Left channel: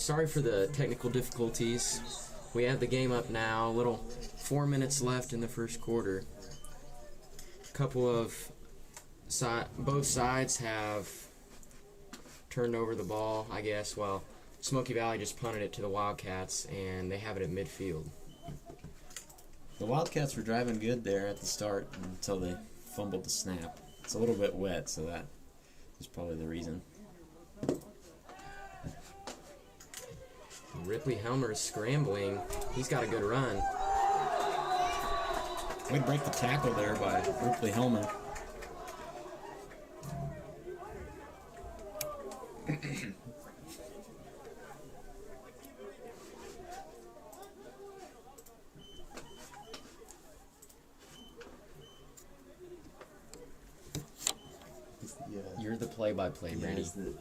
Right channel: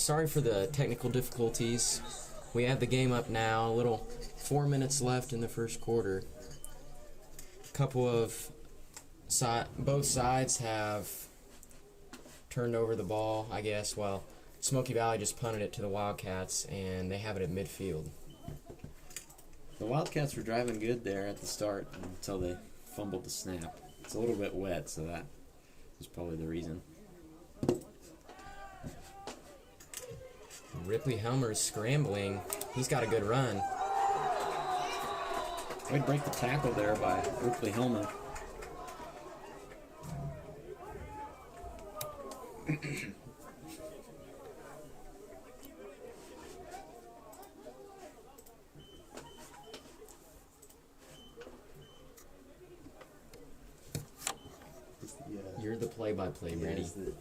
Alright, sorry for the technical difficulties. We have the game up now, a little 4 minutes left in the first quarter. A couple of both sides have turned over the ball, I guess. Well, Smoky Valley just punted it to the Wildcats, and they have it at midfield. The Wildcats were driving good there at the start until they fumbled the snap. It's a little bit wet, so that is probably the reason. Ripley Helmer's scrambling. He's got a good run. Way to break the tackle there by Ripley Helmer. You're the play-by-play, man. Is the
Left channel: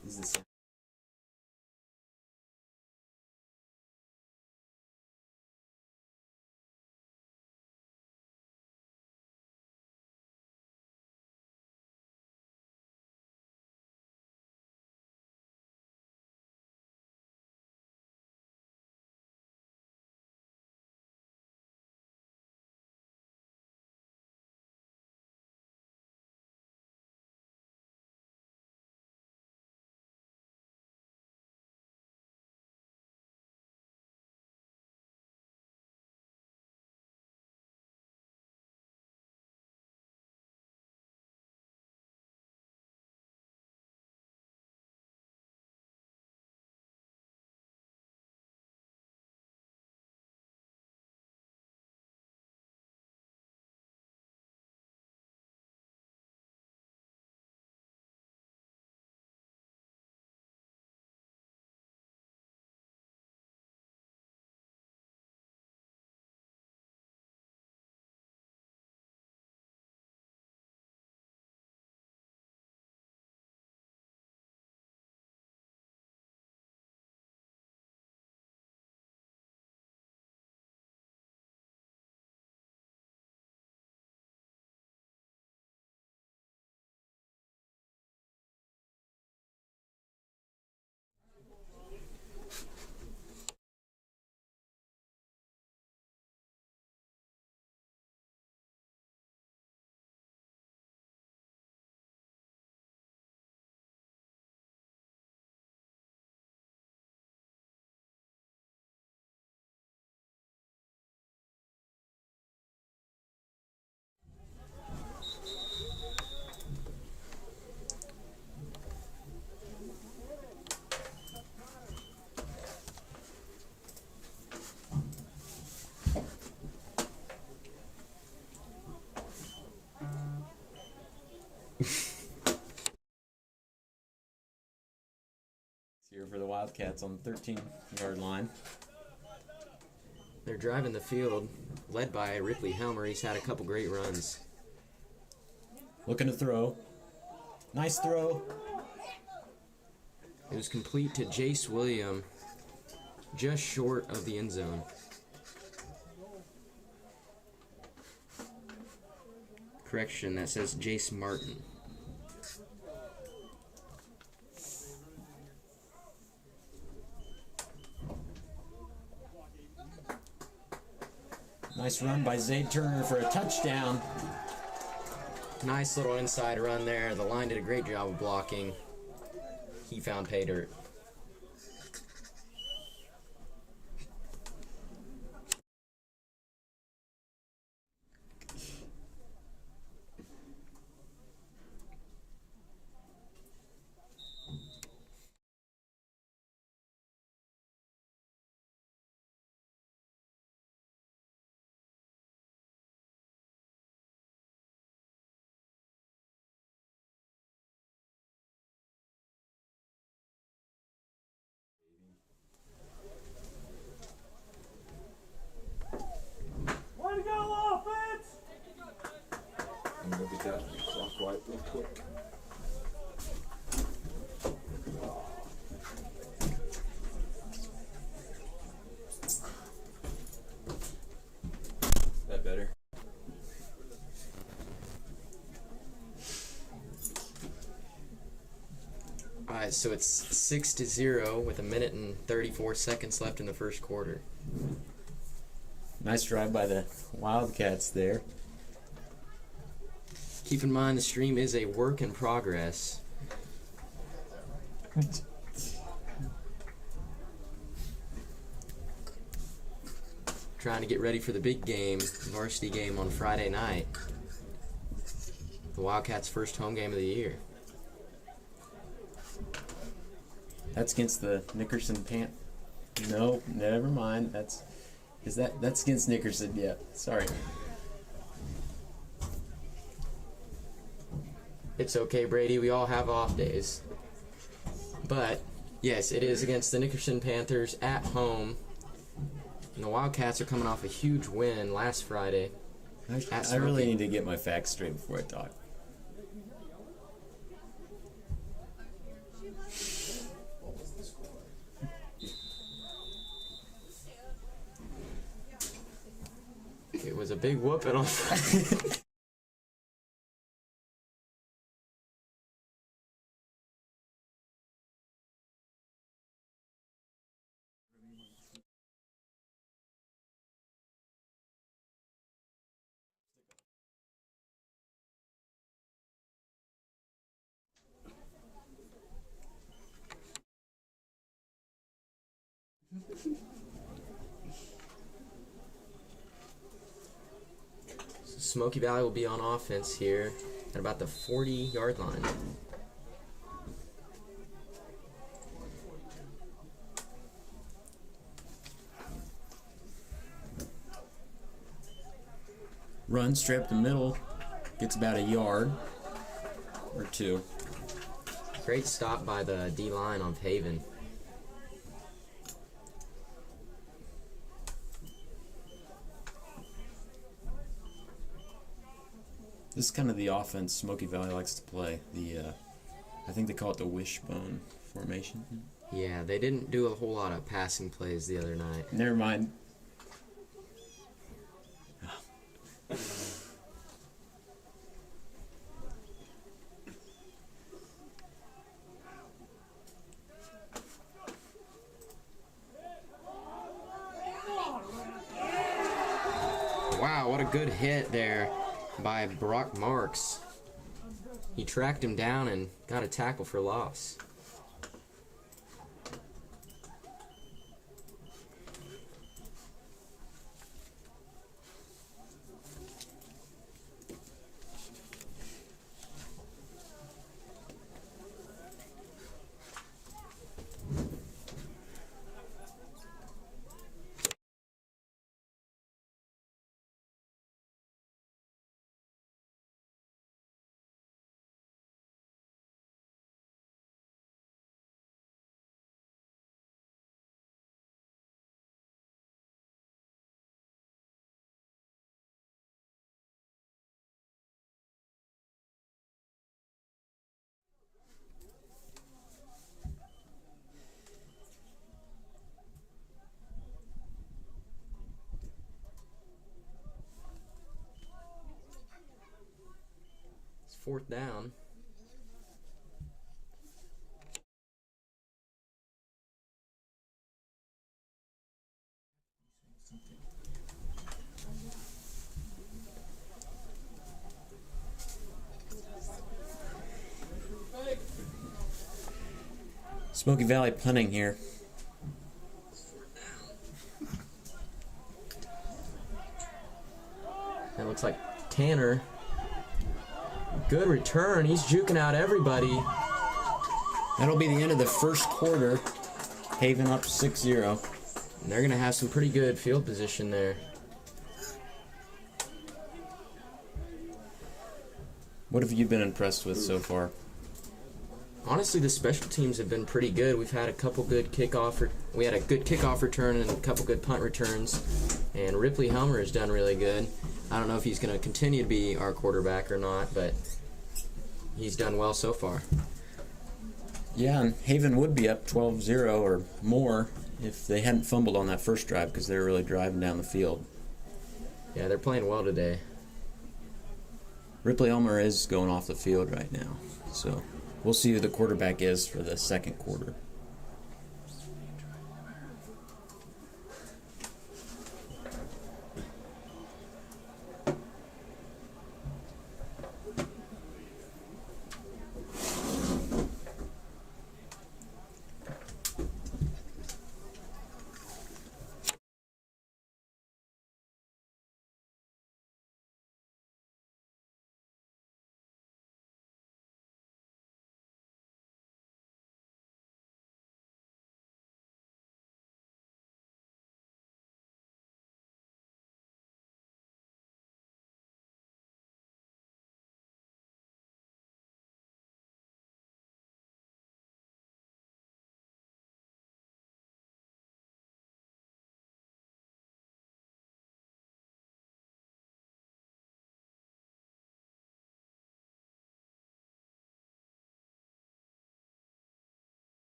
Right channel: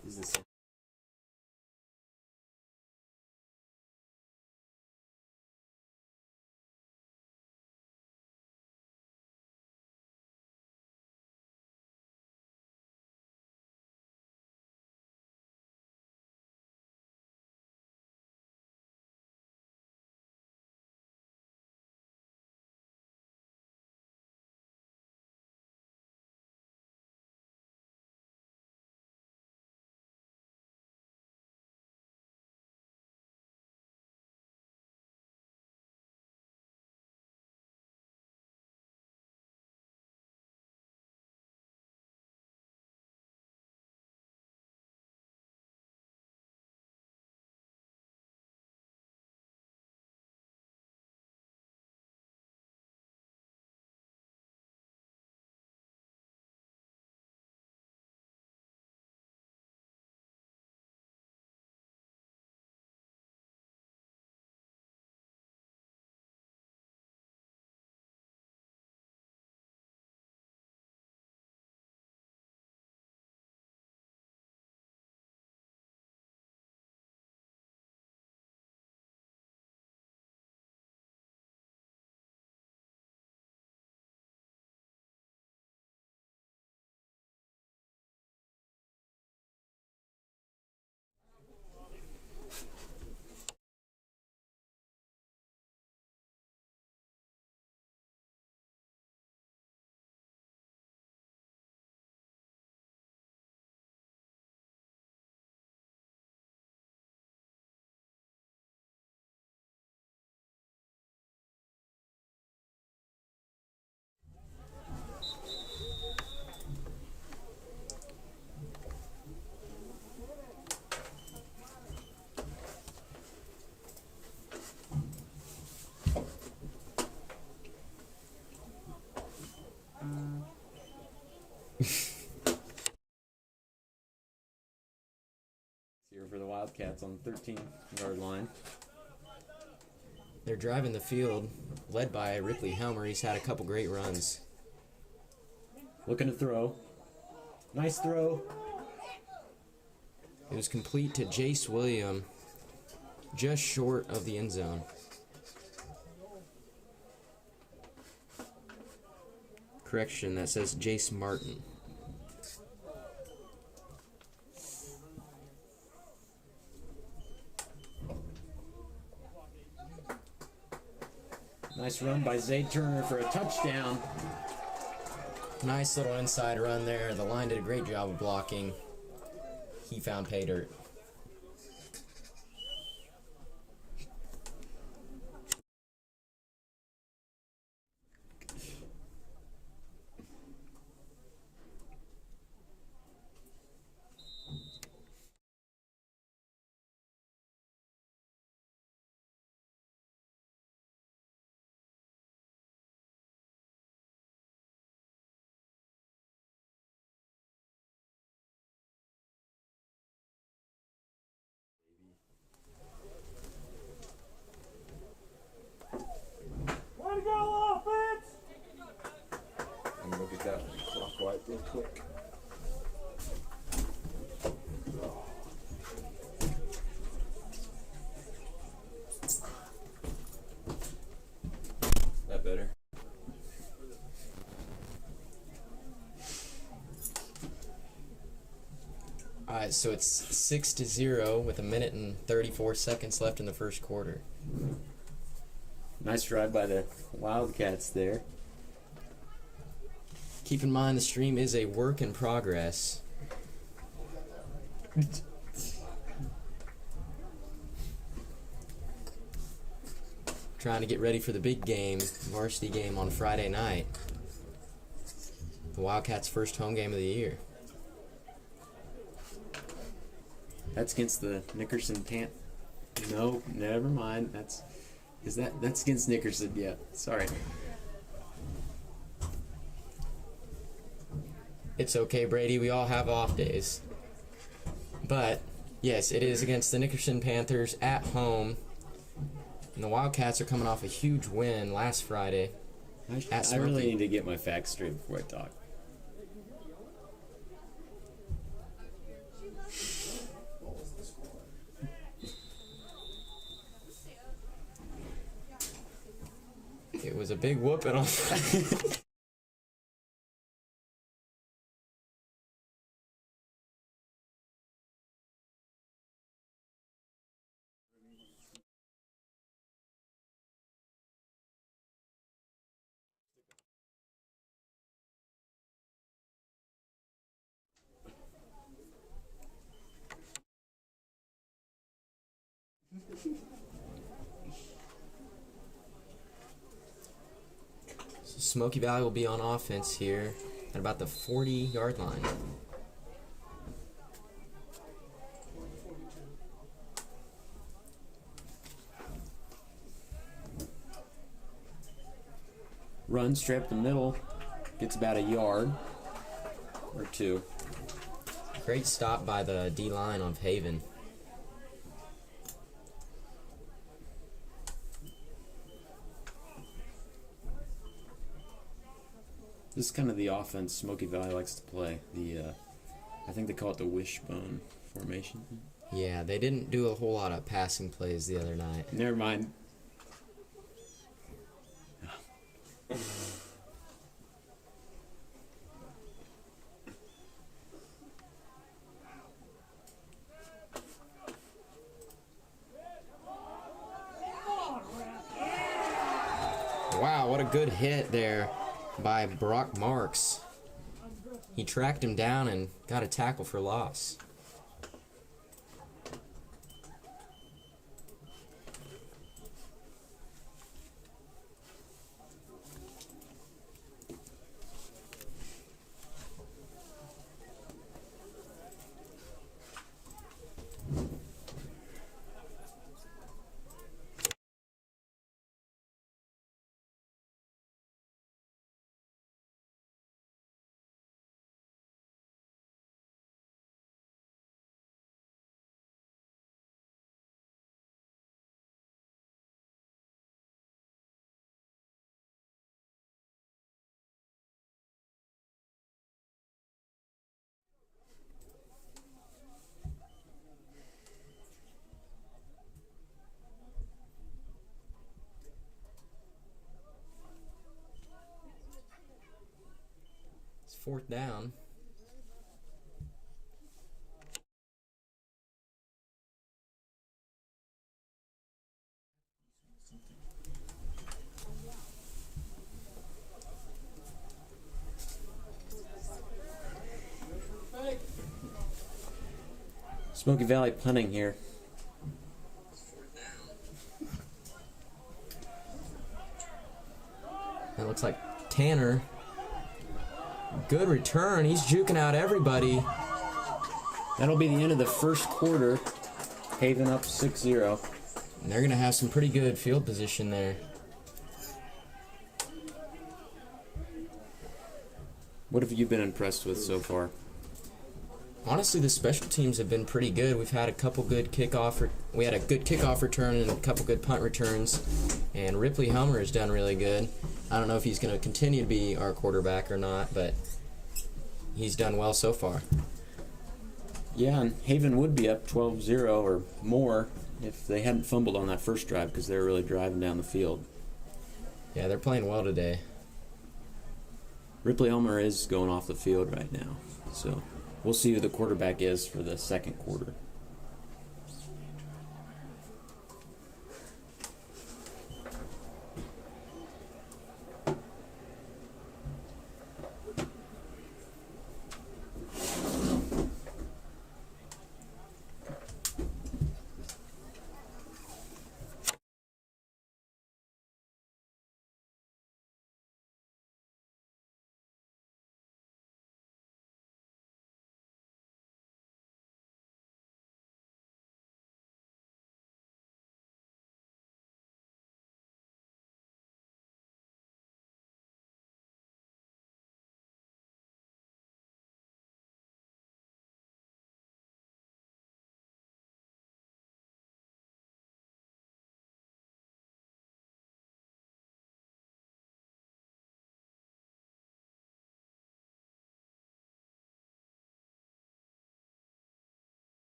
here for the Wildcats on the 13-yard line. They're driving the field, led by Ripley Helmer. He's had a couple great runs. Looking to throw. Nice throw. It was complete to Jace William, just short of the end zone. Correction, that says Jace Martin. Nice run by Zayd Turner for a touchdown. Nice little inside run there. The line did a great job of blocking. He found pay dirt. Way to go, offense! And look at that clock right real quick. That better? Alright, so it's 6-0 with 1:34 left in the first quarter. Nice drive by the Wildcats there. Keep in mind the stream is a work in progress. Trying to get ready for the big game, varsity game on Friday night. The Wildcats' first home game of the year. That's against the Nickerson Pant. No, never mind. That's against Nickerson. Yeah, sorry. It's okay, Brady. We all have off days. But, yes, it is against the Nickerson Panthers at home. And the Wildcats are coming off a huge win last Friday. I really need to get my facts straight before I talk. It was a big whooping on Smoky Valley will be on offense here at about the 40-yard line. Run straight up the middle, gets about a yard or two. Great stop by the D-line of Haven. This is kind of the offense Smoky Valley likes to play. I think they call it the wishbone formation. Yeah, they didn't do a whole lot of passing plays the other night. Never mind. Wow, what a good hit there by Brock Marks. He tracked him down and got a tackle for loss. It's fourth down. Smoky Valley punting here. It looks like Tanner. Good return. He's juking out everybody. That'll be the end of the first quarter. Haven up 6-0. And they're going to have some pretty good field position there. What have you been impressed with so far? Honestly, the special teams have been pretty good. We've had a couple good we had a good kickoff return and a couple good punt returns. And Ripley Helmer has done really good. I don't know if he's going to continue to be our quarterback or not, but he's done well so far. Yeah, and Haven would be up 12-0 or more if they hadn't fumbled on that first drive because they were really driving down the field. Yeah, they're playing well today. Ripley Elmer is going off the field right now, so We'll see who the quarterback is for the second quarter.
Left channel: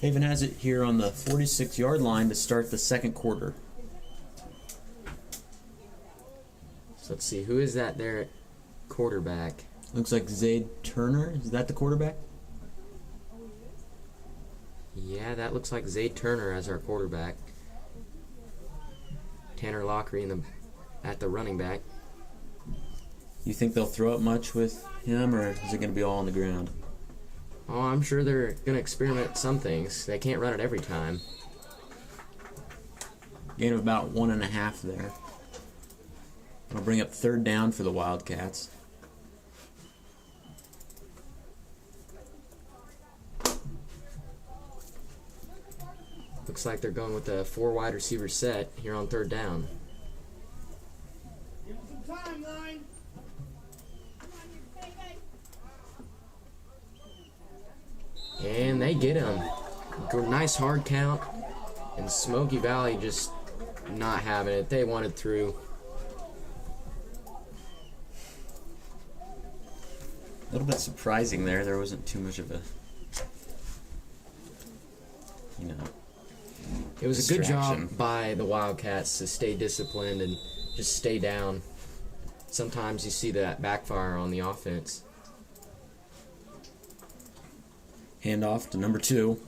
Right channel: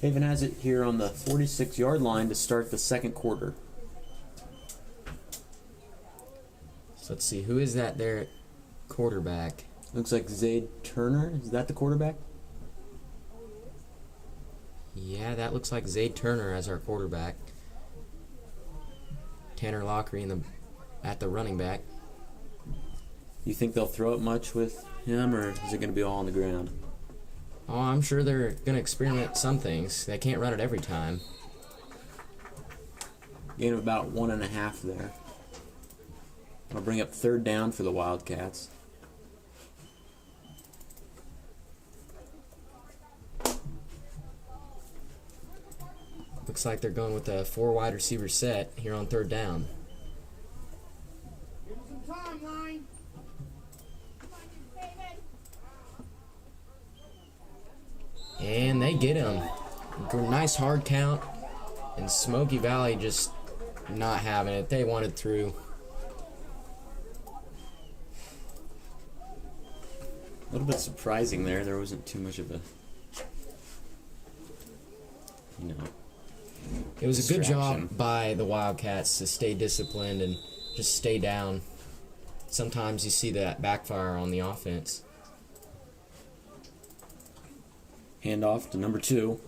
Haven has it here on the 46-yard line to start the second quarter. So let's see, who is that there at quarterback? Looks like Zayd Turner. Is that the quarterback? Yeah, that looks like Zayd Turner as our quarterback. Tanner Lockery at the running back. You think they'll throw it much with him, or is it going to be all on the ground? Oh, I'm sure they're going to experiment some things. They can't run it every time. Gain of about 1.5 there. That'll bring up third down for the Wildcats. Looks like they're going with a 4 wide receiver set here on third down. Give us some timeline. And they get him. Nice hard count. And Smoky Valley just not having it. They wanted through. A little bit surprising there. There wasn't too much of a, It was a good distraction. job by the Wildcats to stay disciplined and just stay down. Sometimes you see that backfire on the offense. Handoff to number 2.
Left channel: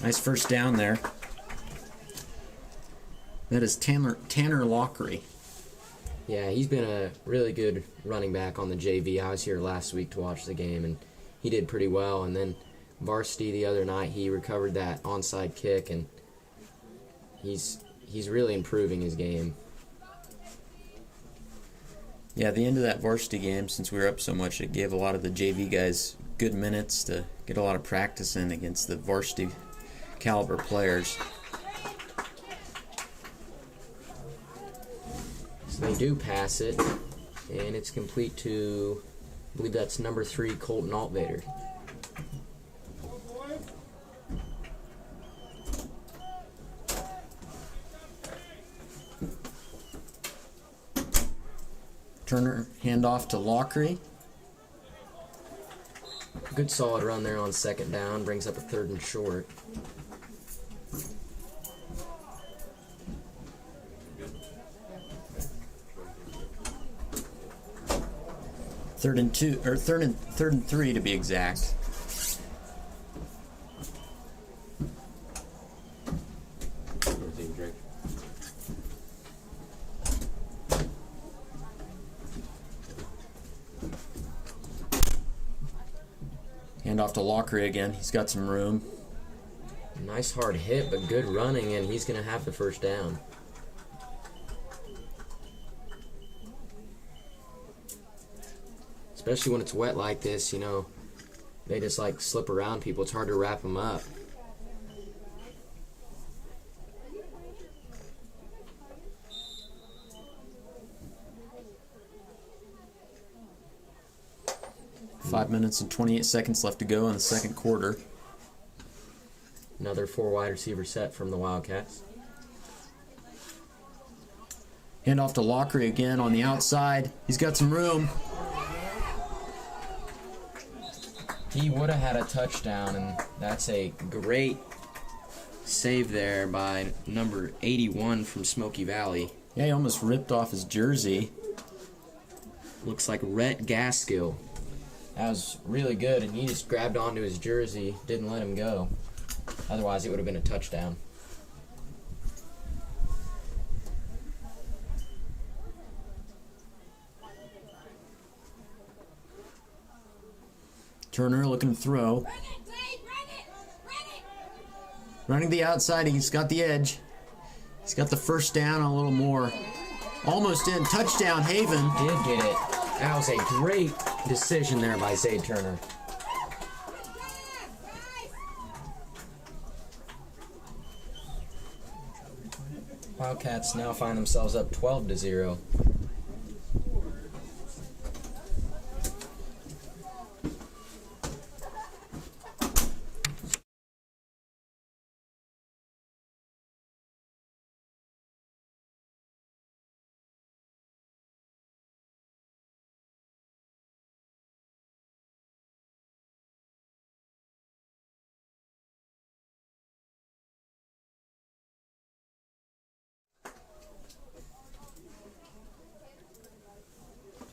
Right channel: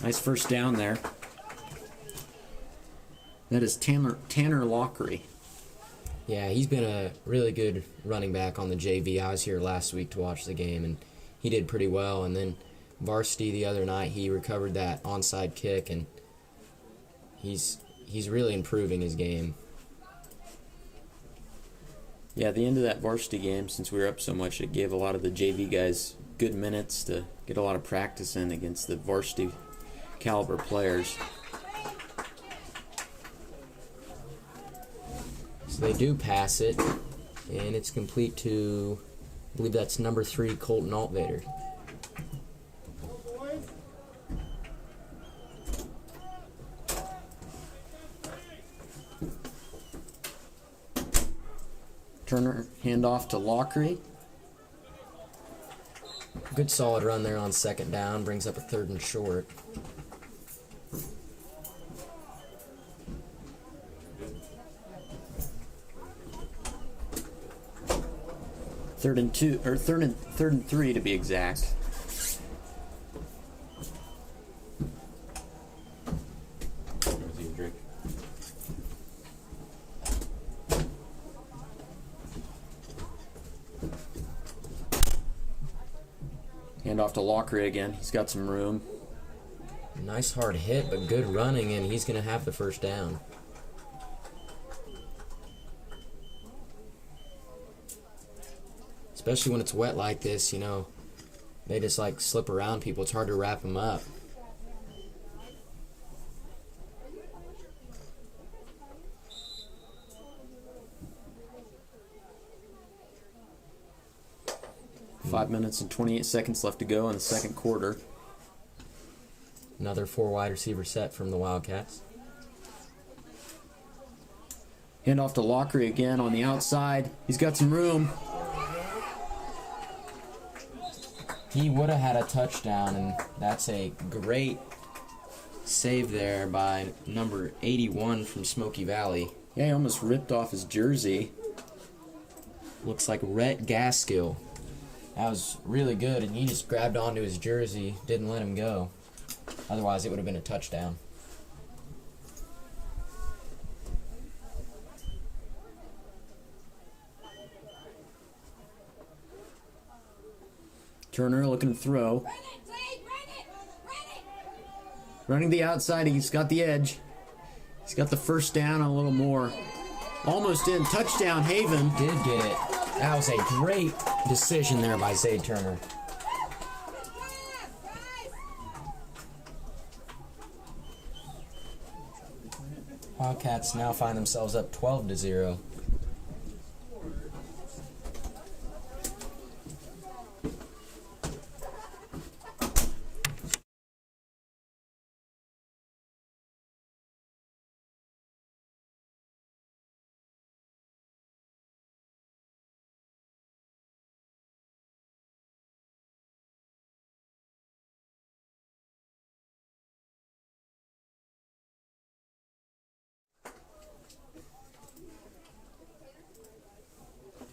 Nice first down there. That is Tanner Lockery. Yeah, he's been a really good running back on the JV. I was here last week to watch the game, and he did pretty well. And then varsity the other night, he recovered that onside kick, and he's really improving his game. Yeah, at the end of that varsity game, since we were up so much, it gave a lot of the JV guys good minutes to get a lot of practice in against the varsity caliber players. So they do pass it, and it's complete to, I believe that's number 3, Colton Altvader. Turner handoff to Lockery. Good solid run there on second down, brings up a 3rd and short. Third and 3 to be exact. Handoff to Lockery again. He's got some room. Nice hard hit, but good running, and he's going to have the first down. Especially when it's wet like this, they just like slip around people. It's hard to wrap them up. 5 minutes and 28 seconds left to go in the second quarter. Another 4 wide receiver set from the Wildcats. Hand off to Lockery again on the outside. He's got some room. He would have had a touchdown, and that's a great save there by number 81 from Smoky Valley. Yeah, he almost ripped off his jersey. Looks like Rhett Gaskill. That was really good, and he just grabbed onto his jersey, didn't let him go. Otherwise, it would have been a touchdown. Turner looking to throw. Running the outside, he's got the edge. He's got the first down, a little more. Almost in. Touchdown, Haven. Did get it. That was a great decision there by Zay Turner. Wildcats now find themselves up 12-0.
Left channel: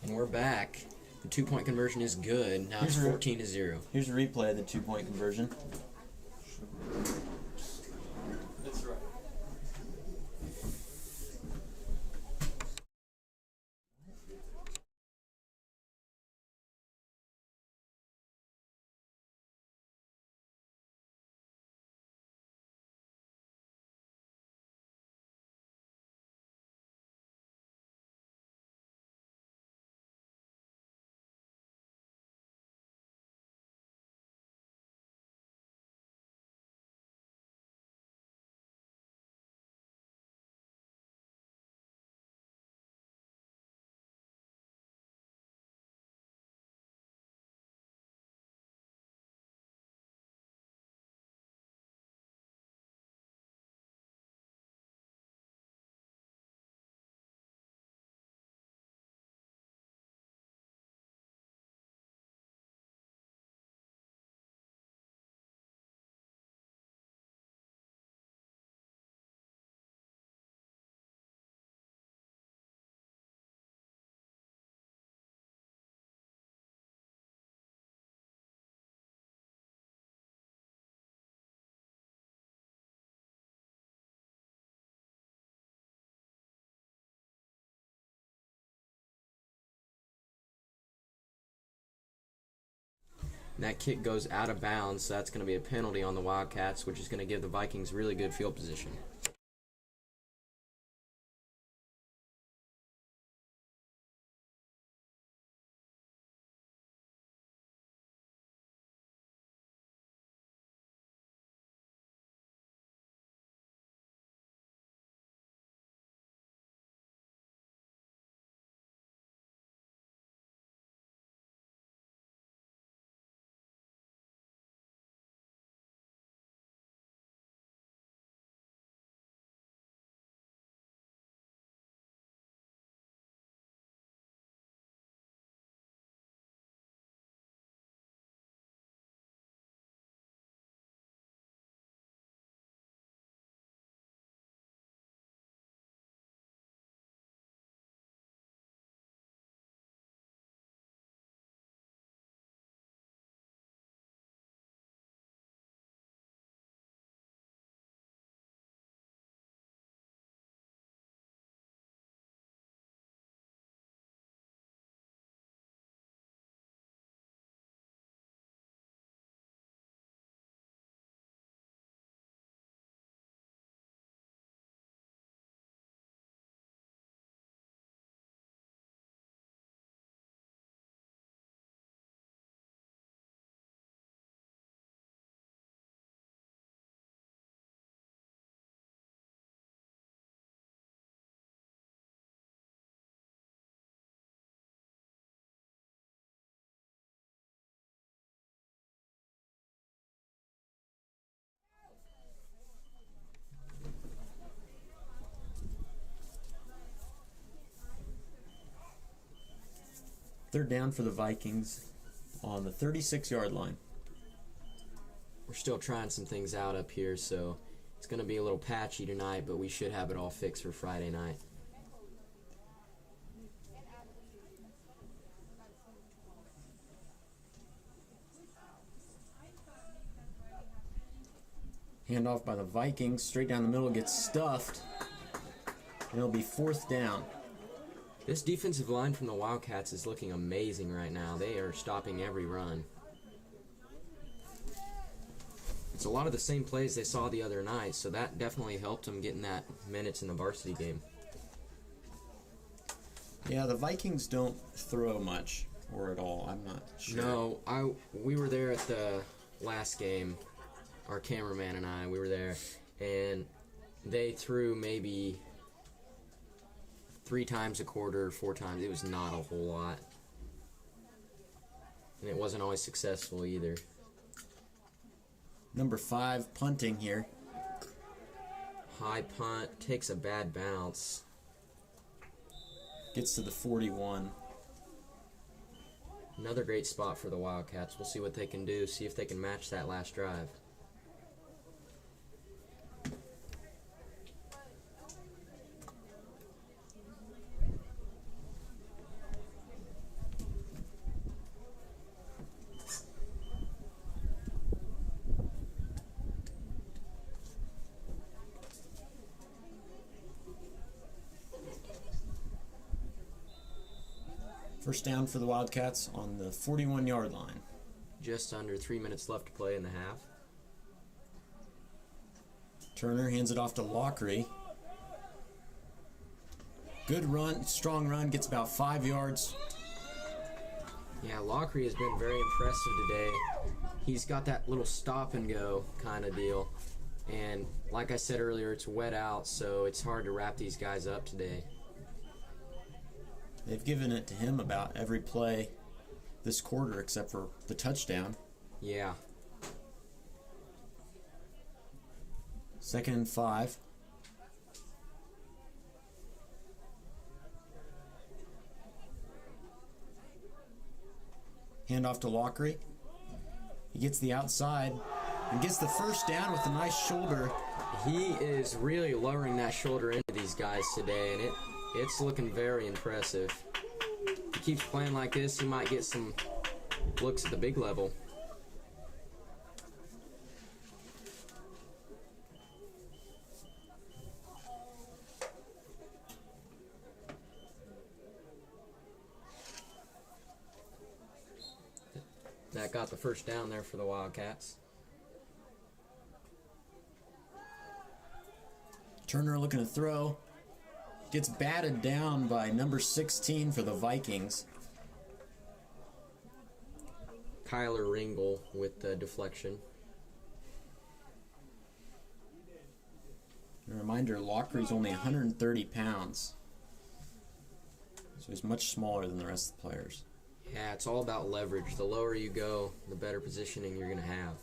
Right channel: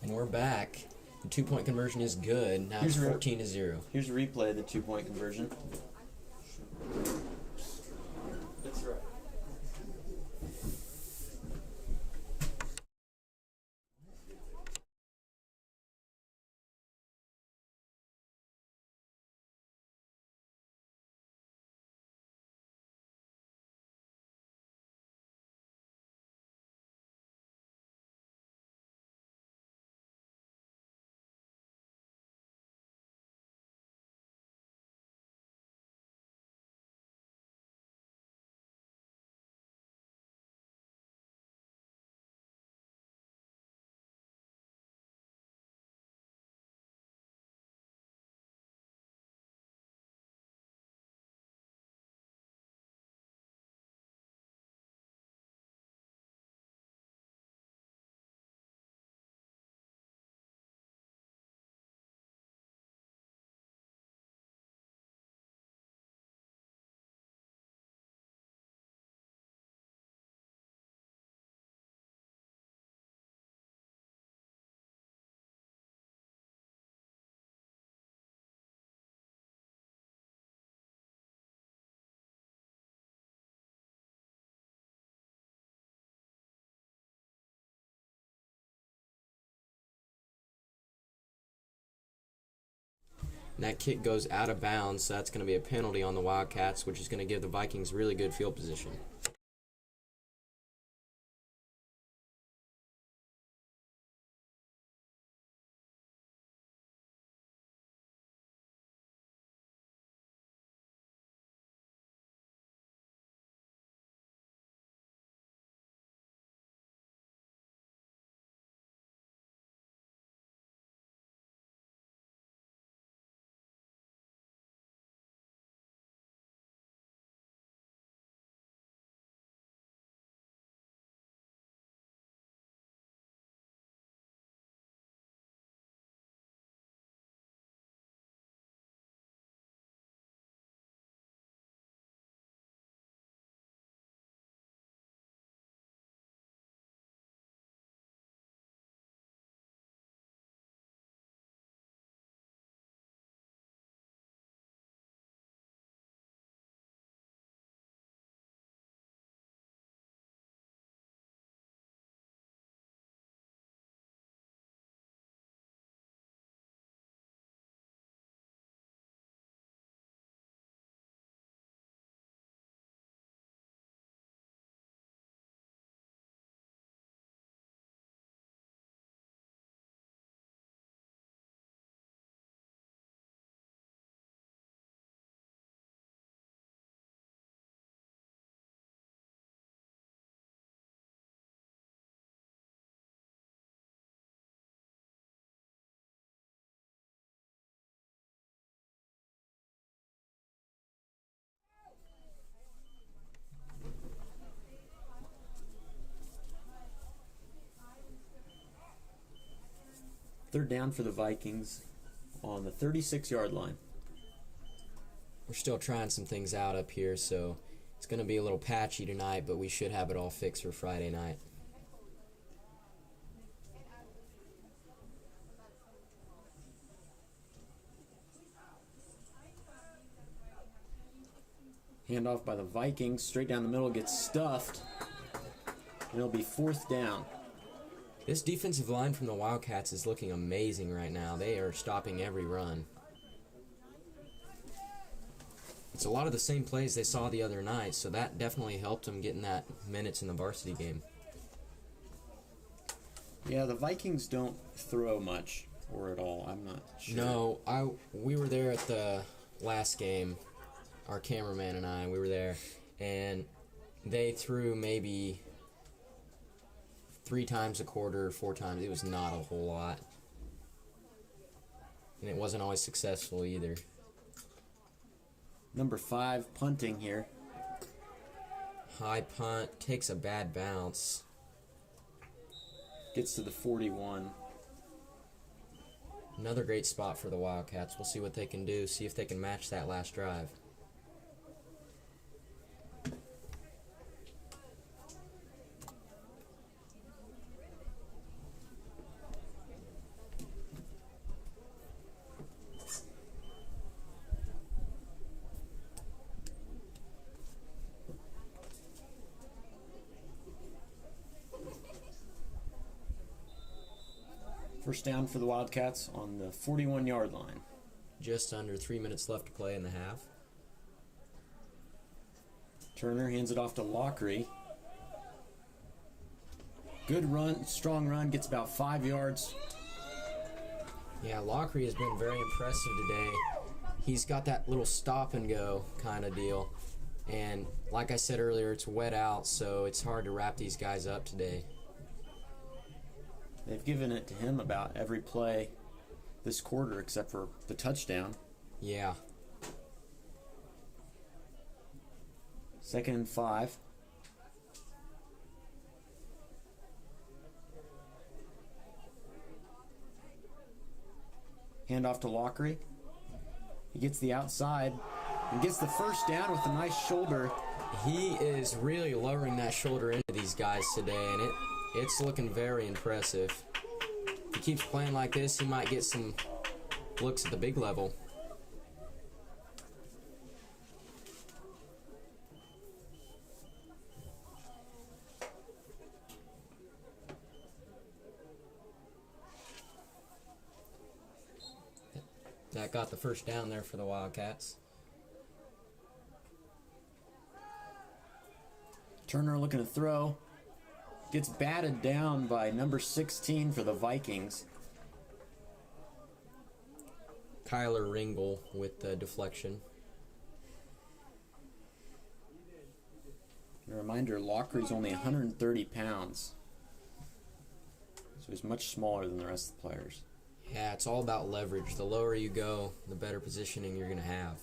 And we're back. The 2-point conversion is good. Now it's 14-0. Here's a replay of the 2-point conversion. That kick goes out of bounds, so that's going to be a penalty on the Wildcats, which is going to give the Vikings really good field position. Third down for the Vikings on the 36-yard line. We're still trying some things out up here, so it's going to be a little patchy tonight, but we should have it all fixed for Friday night. Handoff by the Vikings. Straight down the middle, gets stuffed. And it'll be fourth down. This defensive line from the Wildcats is looking amazing right now. They are stopping every run. It's a lot of the same plays they saw the other night, so that definitely helped them getting that minutes in the varsity game. Yeah, the Vikings don't throw much, or at all. I'm not sure. No, we were there at the last game. Our cameraman and I, we were there, and they threw maybe 3 times a quarter, 4 times. It was not a whole lot. And it wasn't always successful either. Number 5, punting here. High punt, takes a bad bounce. Gets to the 41. Another great spot for the Wildcats. We'll see what they can do, see if they can match that last drive. First down for the Wildcats on the 41-yard line. Just under 3 minutes left to play in the half. Turner hands it off to Lockery. Good run, strong run, gets about 5 yards. Yeah, Lockery has been very impressive today. He's got that little stop and go kind of deal. And like I said earlier, it's wet out, so it's hard to wrap these guys up today. They've given it to him about every play this quarter except for the touchdown. Yeah. 2nd and 5. Hand off to Lockery. He gets the outside and gets the first down with a nice shoulder. He is really lowering that shoulder into these guys today, and it's looking very impressive. If he keeps playing like this, he might get some looks at the big level. That got the first down there for the Wildcats. Turner looking to throw. Gets batted down by number 16 for the Vikings. Kyler Ringle with the deflection. A reminder, Lockery's only 130 pounds. So he's much smaller than the rest of the players. Yeah, it's all about leverage. The lower you go, the better positioning you're going to have.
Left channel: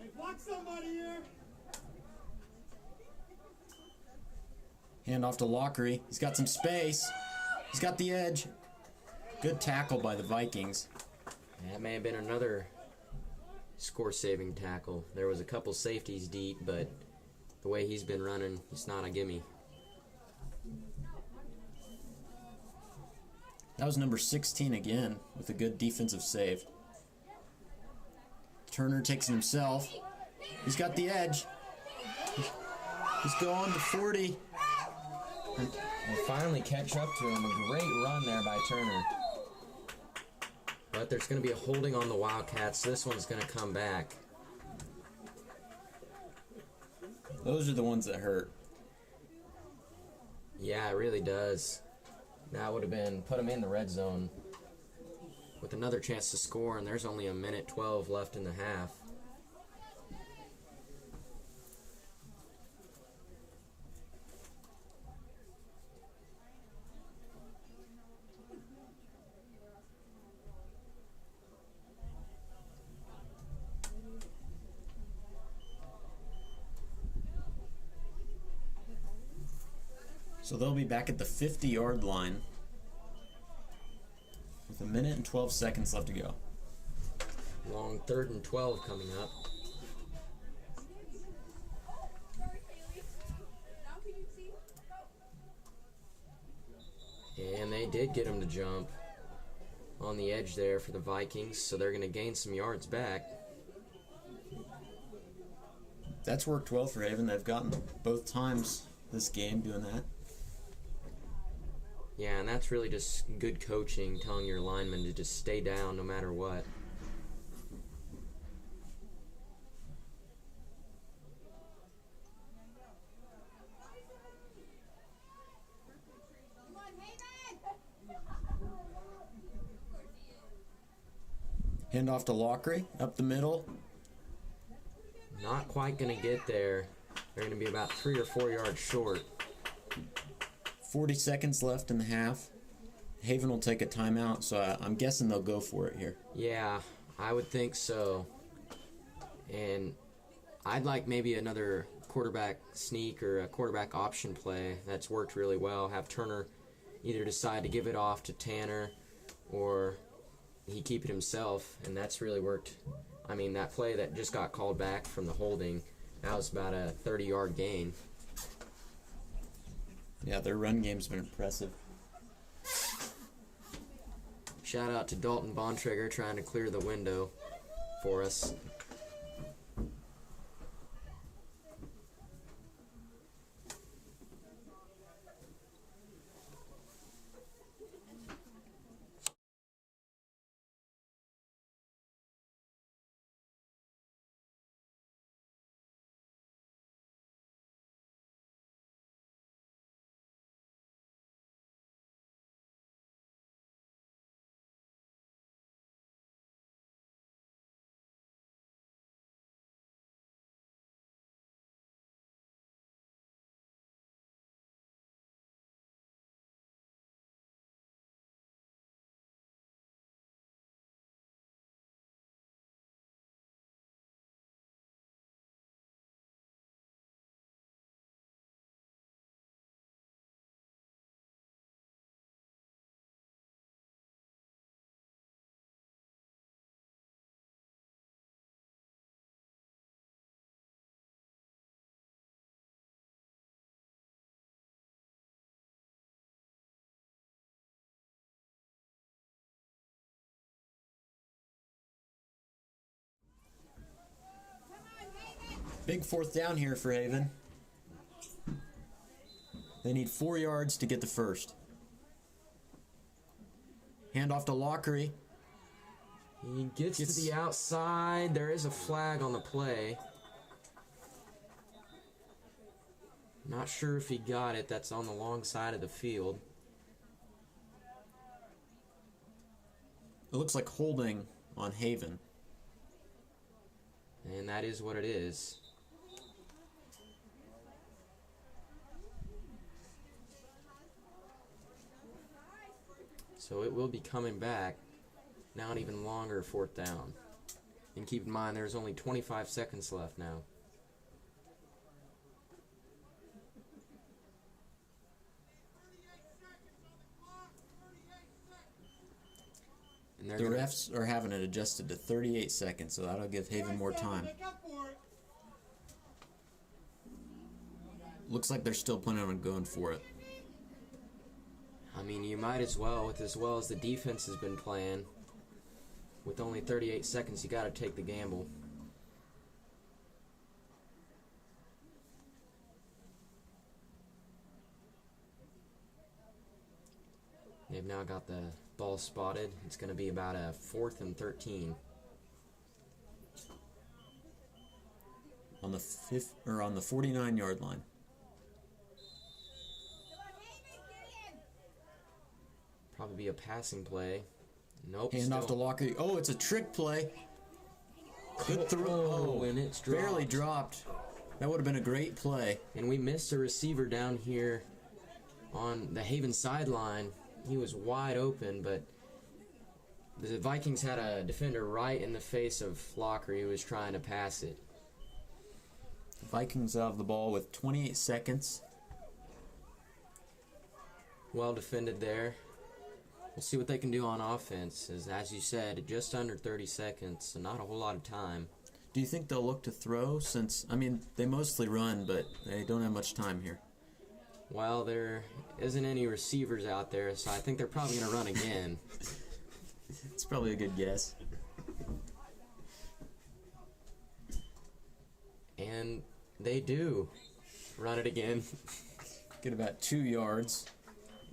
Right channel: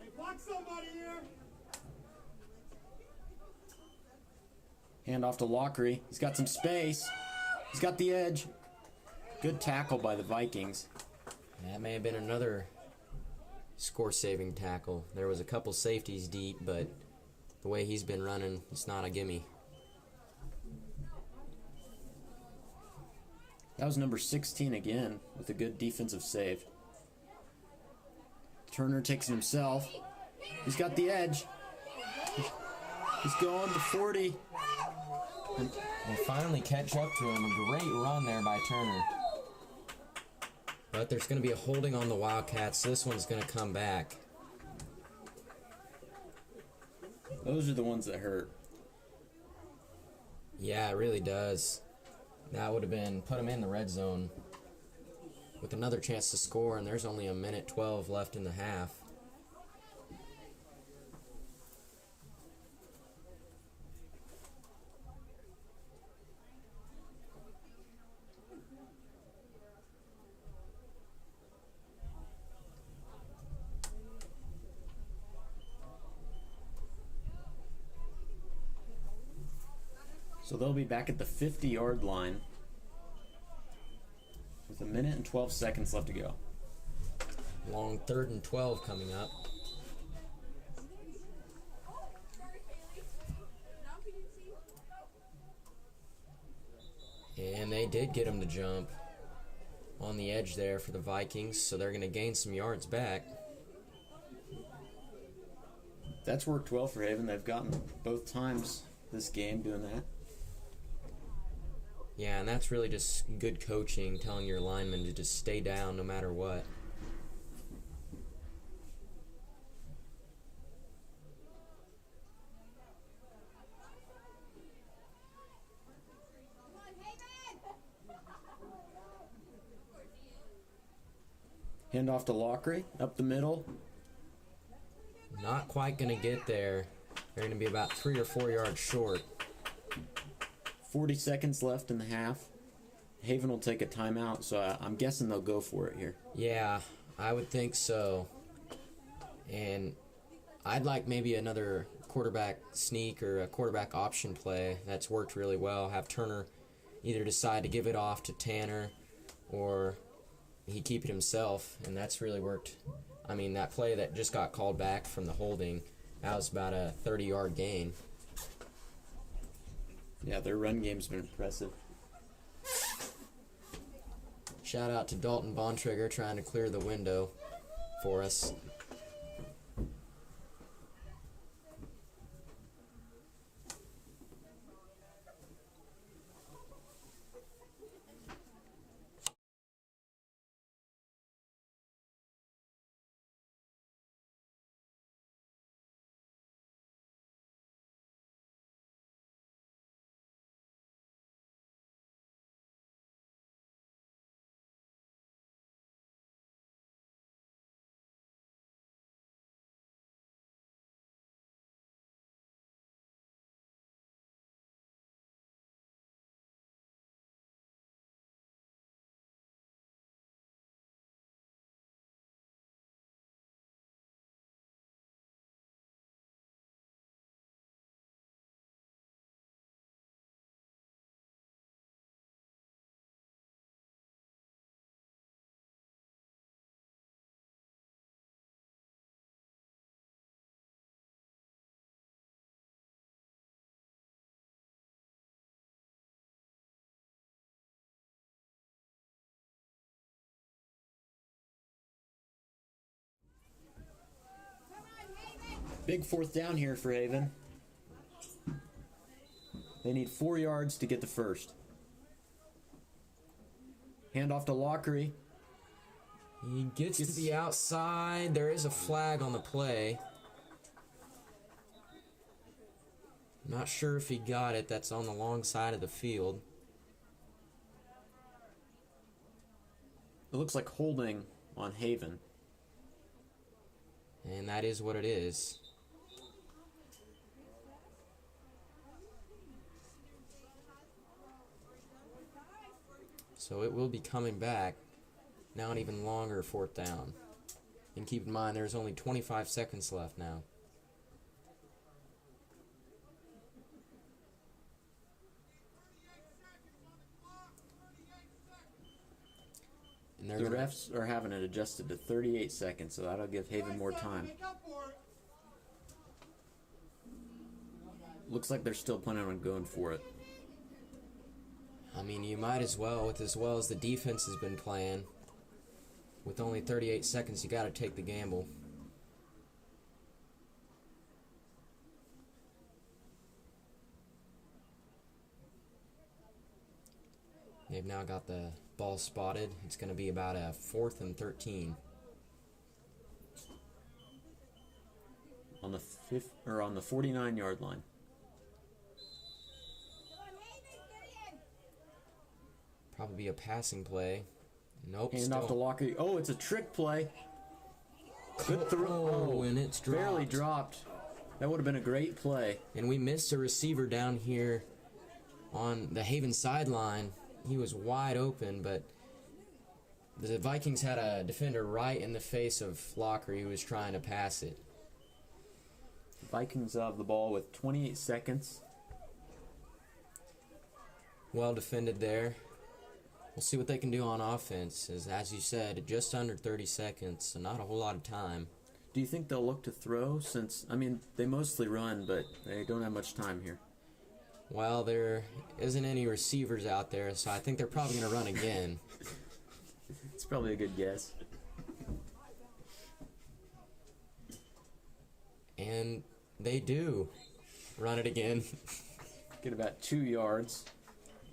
Hey, block somebody here! Hand off to Lockery. He's got some space. He's got the edge. Good tackle by the Vikings. That may have been another score-saving tackle. There was a couple safeties deep, but the way he's been running, it's not a gimme. That was number 16 again with a good defensive save. Turner takes it himself. He's got the edge. He's going to 40. And finally catch up to him. A great run there by Turner. But there's going to be a holding on the Wildcats. This one's going to come back. Those are the ones that hurt. Yeah, it really does. That would have been put him in the red zone with another chance to score, and there's only 1:12 left in the half. So they'll be back at the 50-yard line with 1 minute and 12 seconds left to go. Long 3rd and 12 coming up. And they did get him to jump on the edge there for the Vikings, so they're going to gain some yards back. That's worked well for Haven. They've gotten both times this game doing that. Yeah, and that's really just good coaching, telling your linemen to just stay down no matter what. Hand off to Lockery, up the middle. Not quite going to get there. They're going to be about 3 or 4 yards short. 40 seconds left in the half. Haven will take a timeout, so I'm guessing they'll go for it here. Yeah, I would think so. And I'd like maybe another quarterback sneak or a quarterback option play. That's worked really well. Have Turner either decide to give it off to Tanner or he keep it himself, and that's really worked. I mean, that play that just got called back from the holding, that was about a 30-yard gain. Yeah, their run game's been impressive. Shout out to Dalton Bontrager trying to clear the window for us. Big 4th down here for Haven. They need 4 yards to get the first. Hand off to Lockery. He gets to the outside. There is a flag on the play. Not sure if he got it. That's on the long side of the field. It looks like holding on Haven. And that is what it is. So it will be coming back. Now an even longer 4th down. And keep in mind there's only 25 seconds left now. And The refs are having it adjusted to 38 seconds, so that'll give Haven more time. Looks like they're still planning on going for it. I mean, you might as well, with as well as the defense has been playing. With only 38 seconds, you got to take the gamble. They've now got the ball spotted. It's going to be about a 4th and 13. On the 49-yard line. Probably be a passing play. Nope. Hand off to Lockery. Oh, it's a trick play. Good throw. Oh, and it's dropped. Barely dropped. That would have been a great play. And we missed a receiver down here on the Haven sideline. He was wide open, but the Vikings had a defender right in the face of Lockery who was trying to pass it. The Vikings have the ball with 28 seconds. Well defended there. We'll see what they can do on offense. As you said, just under 30 seconds, so not a whole lot of time. Do you think they'll look to throw since, I mean, they mostly run, but they don't have much time here? Well, there isn't any receivers out there, so I think they're probably going to run again. It's probably a good guess. And they do run it again. Get about 2 yards.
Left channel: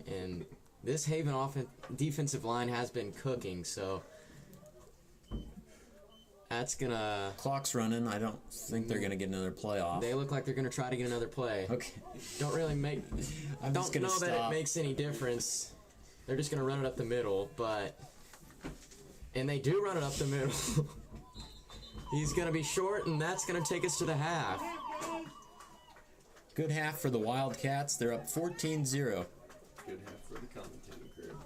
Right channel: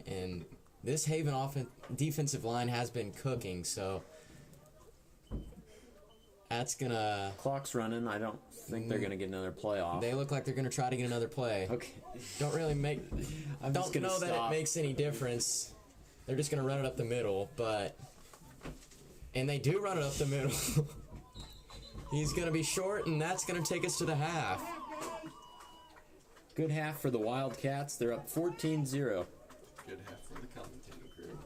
And this Haven defensive line has been cooking, so that's going to... Clock's running. I don't think they're going to get another play off. They look like they're going to try to get another play. Okay. Don't really make... I'm just don't gonna know that it makes any difference. They're just going to run it up the middle, but... And they do run it up the middle. He's going to be short, and that's going to take us to the half. Good half for the Wildcats. They're up 14-0. Good half for the commentating crew.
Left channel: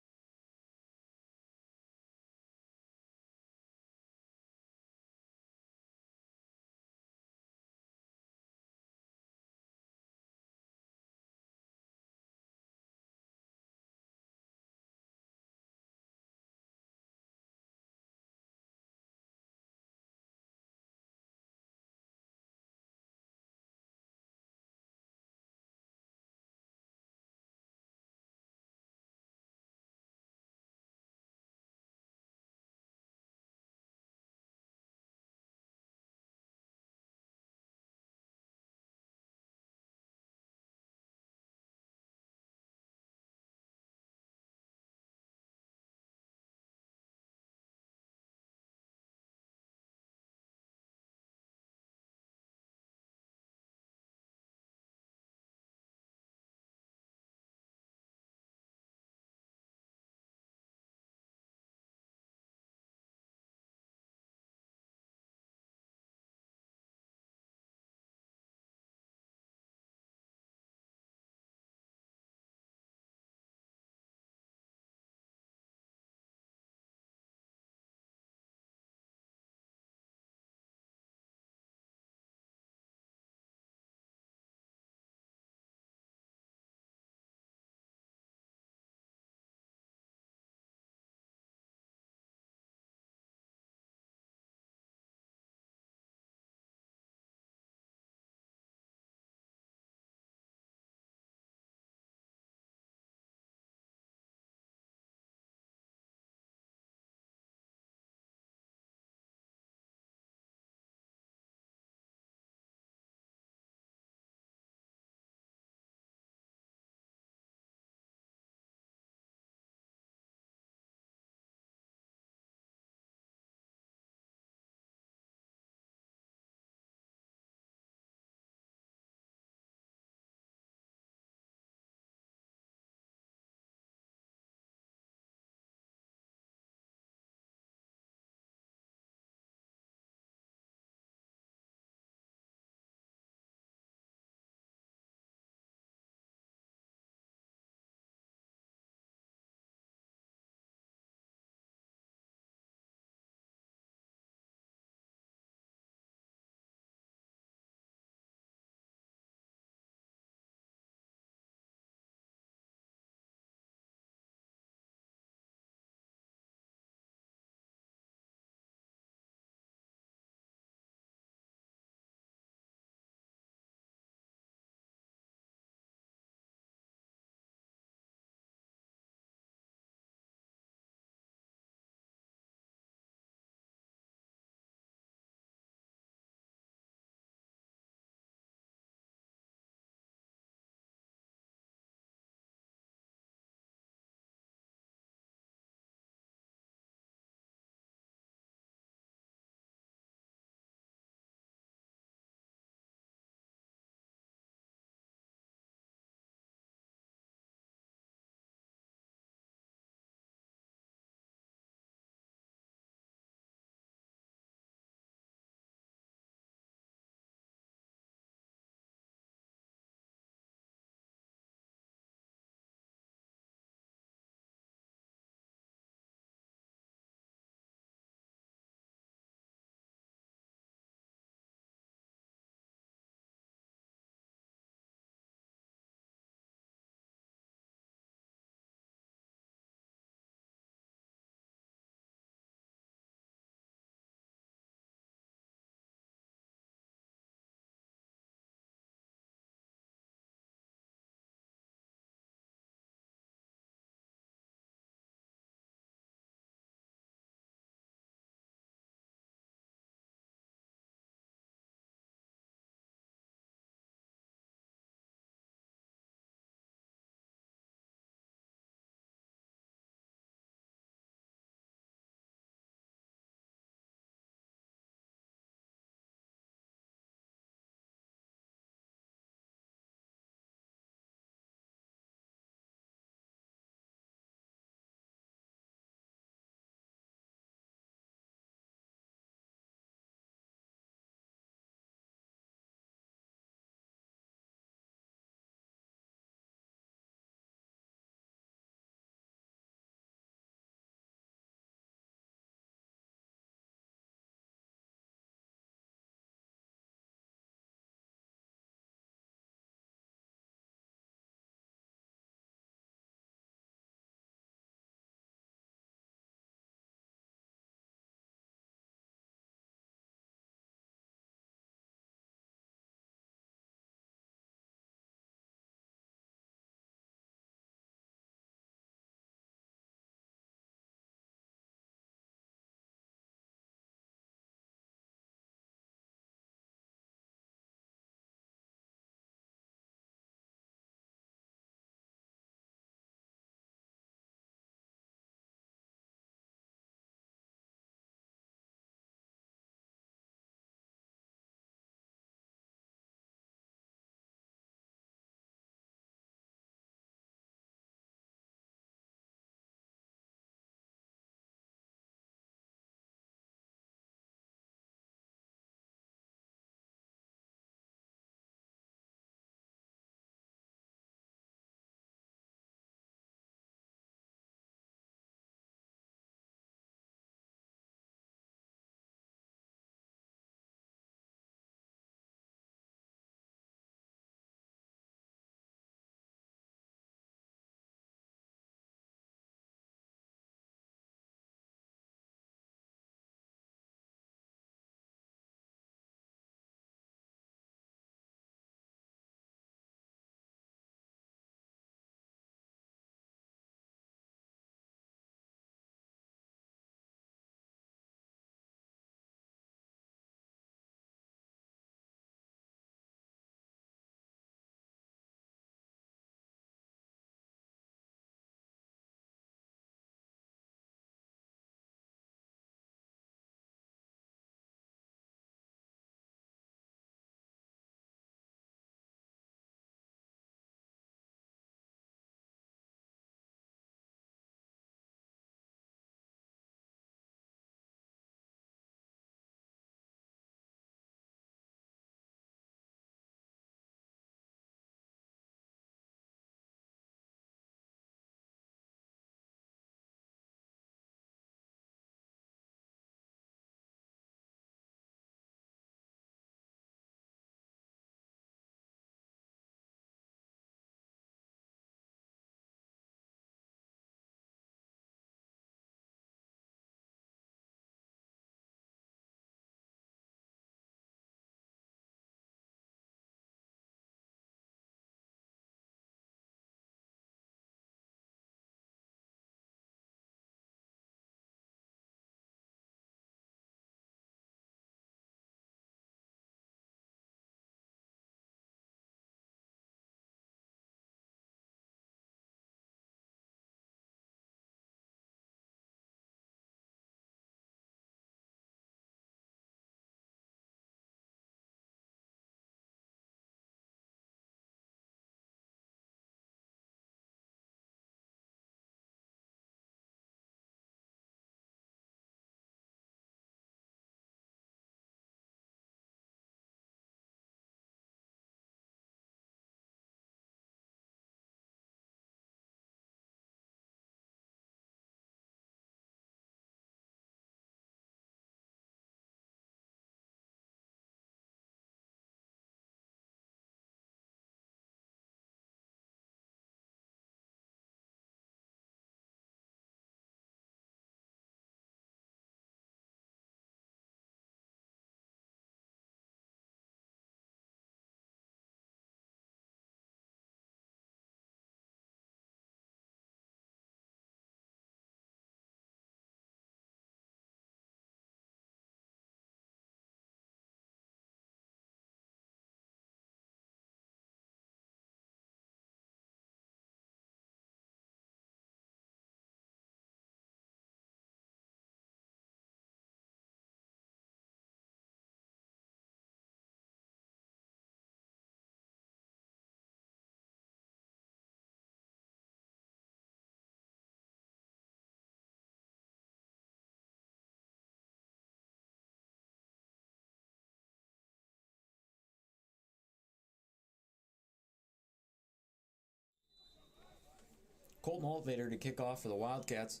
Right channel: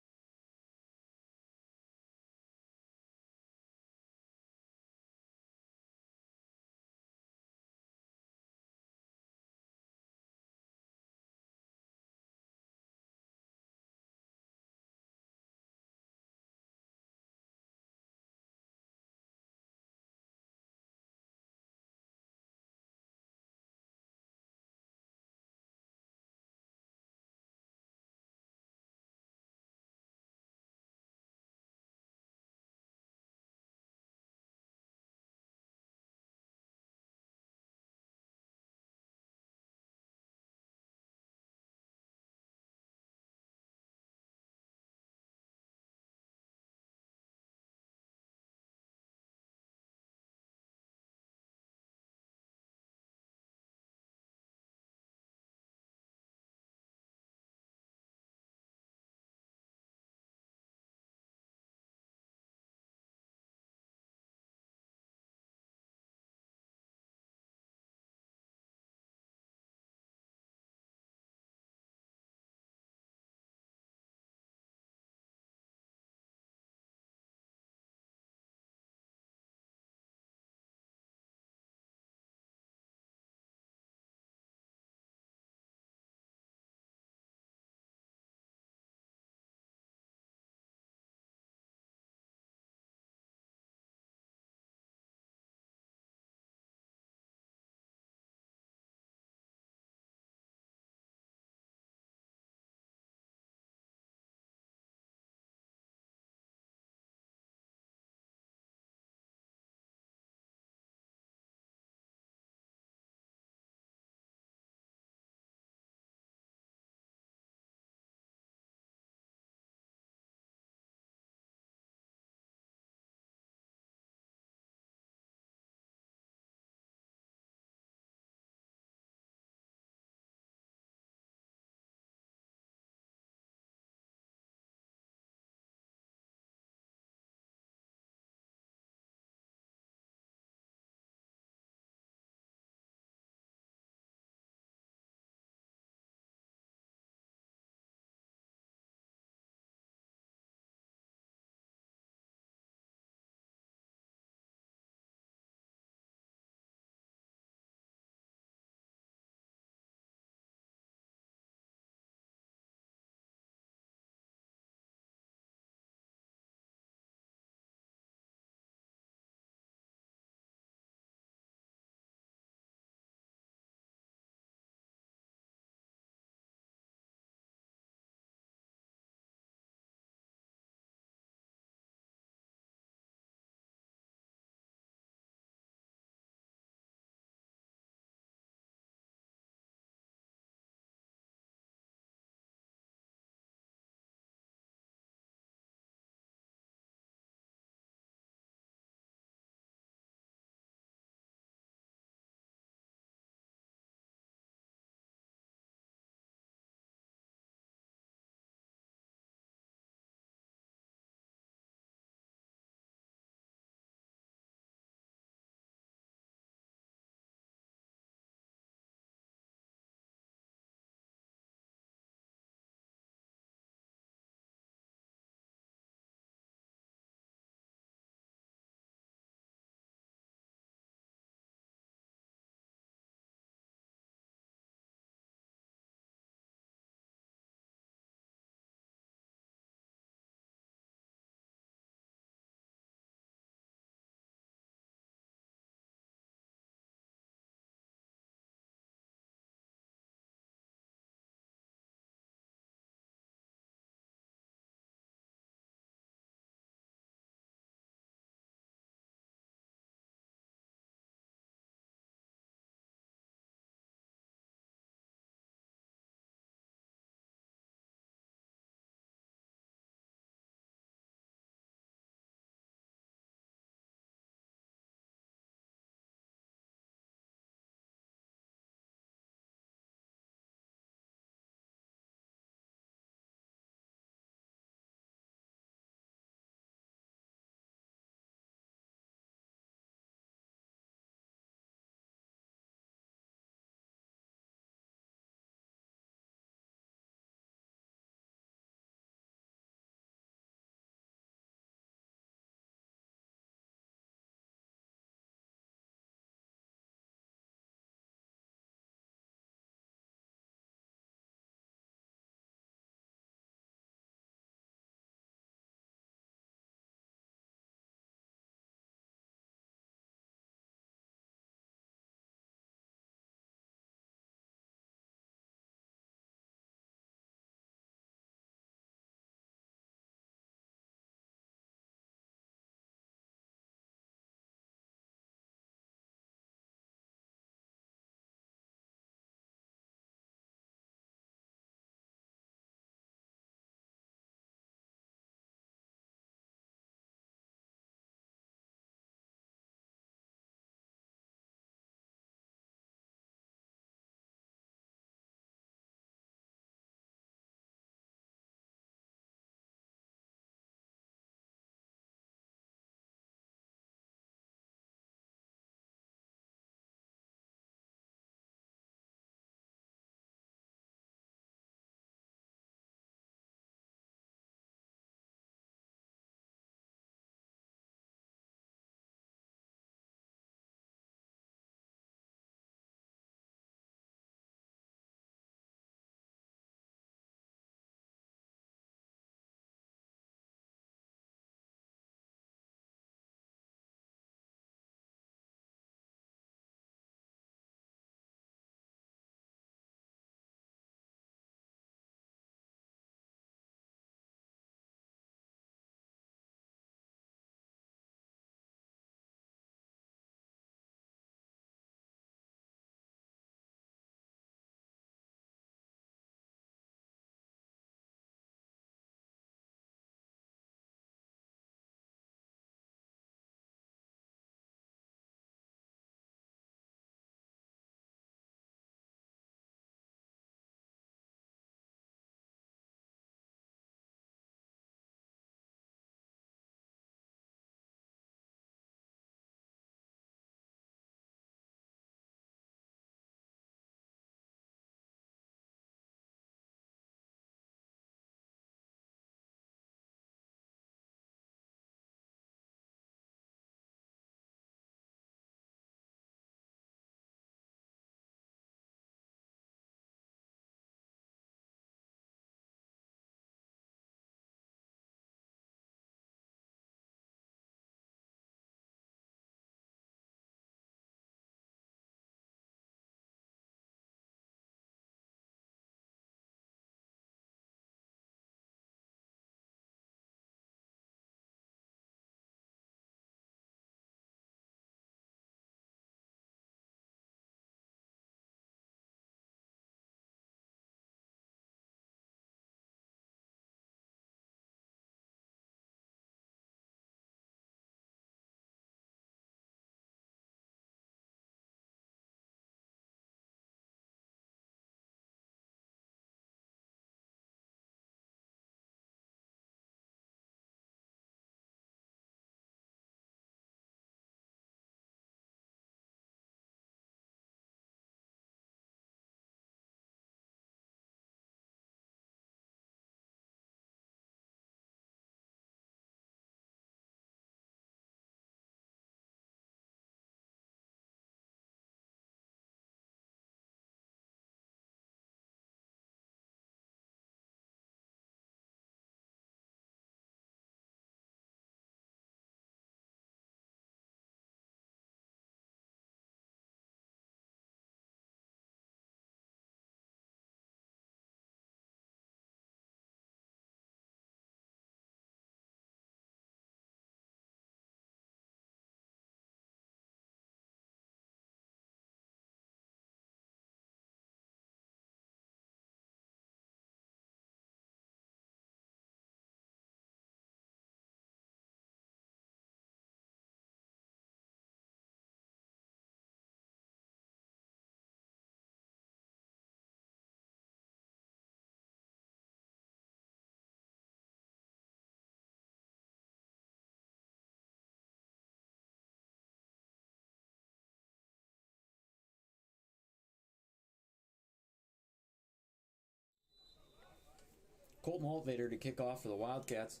Colton Holtvader to kick off for the Wildcats.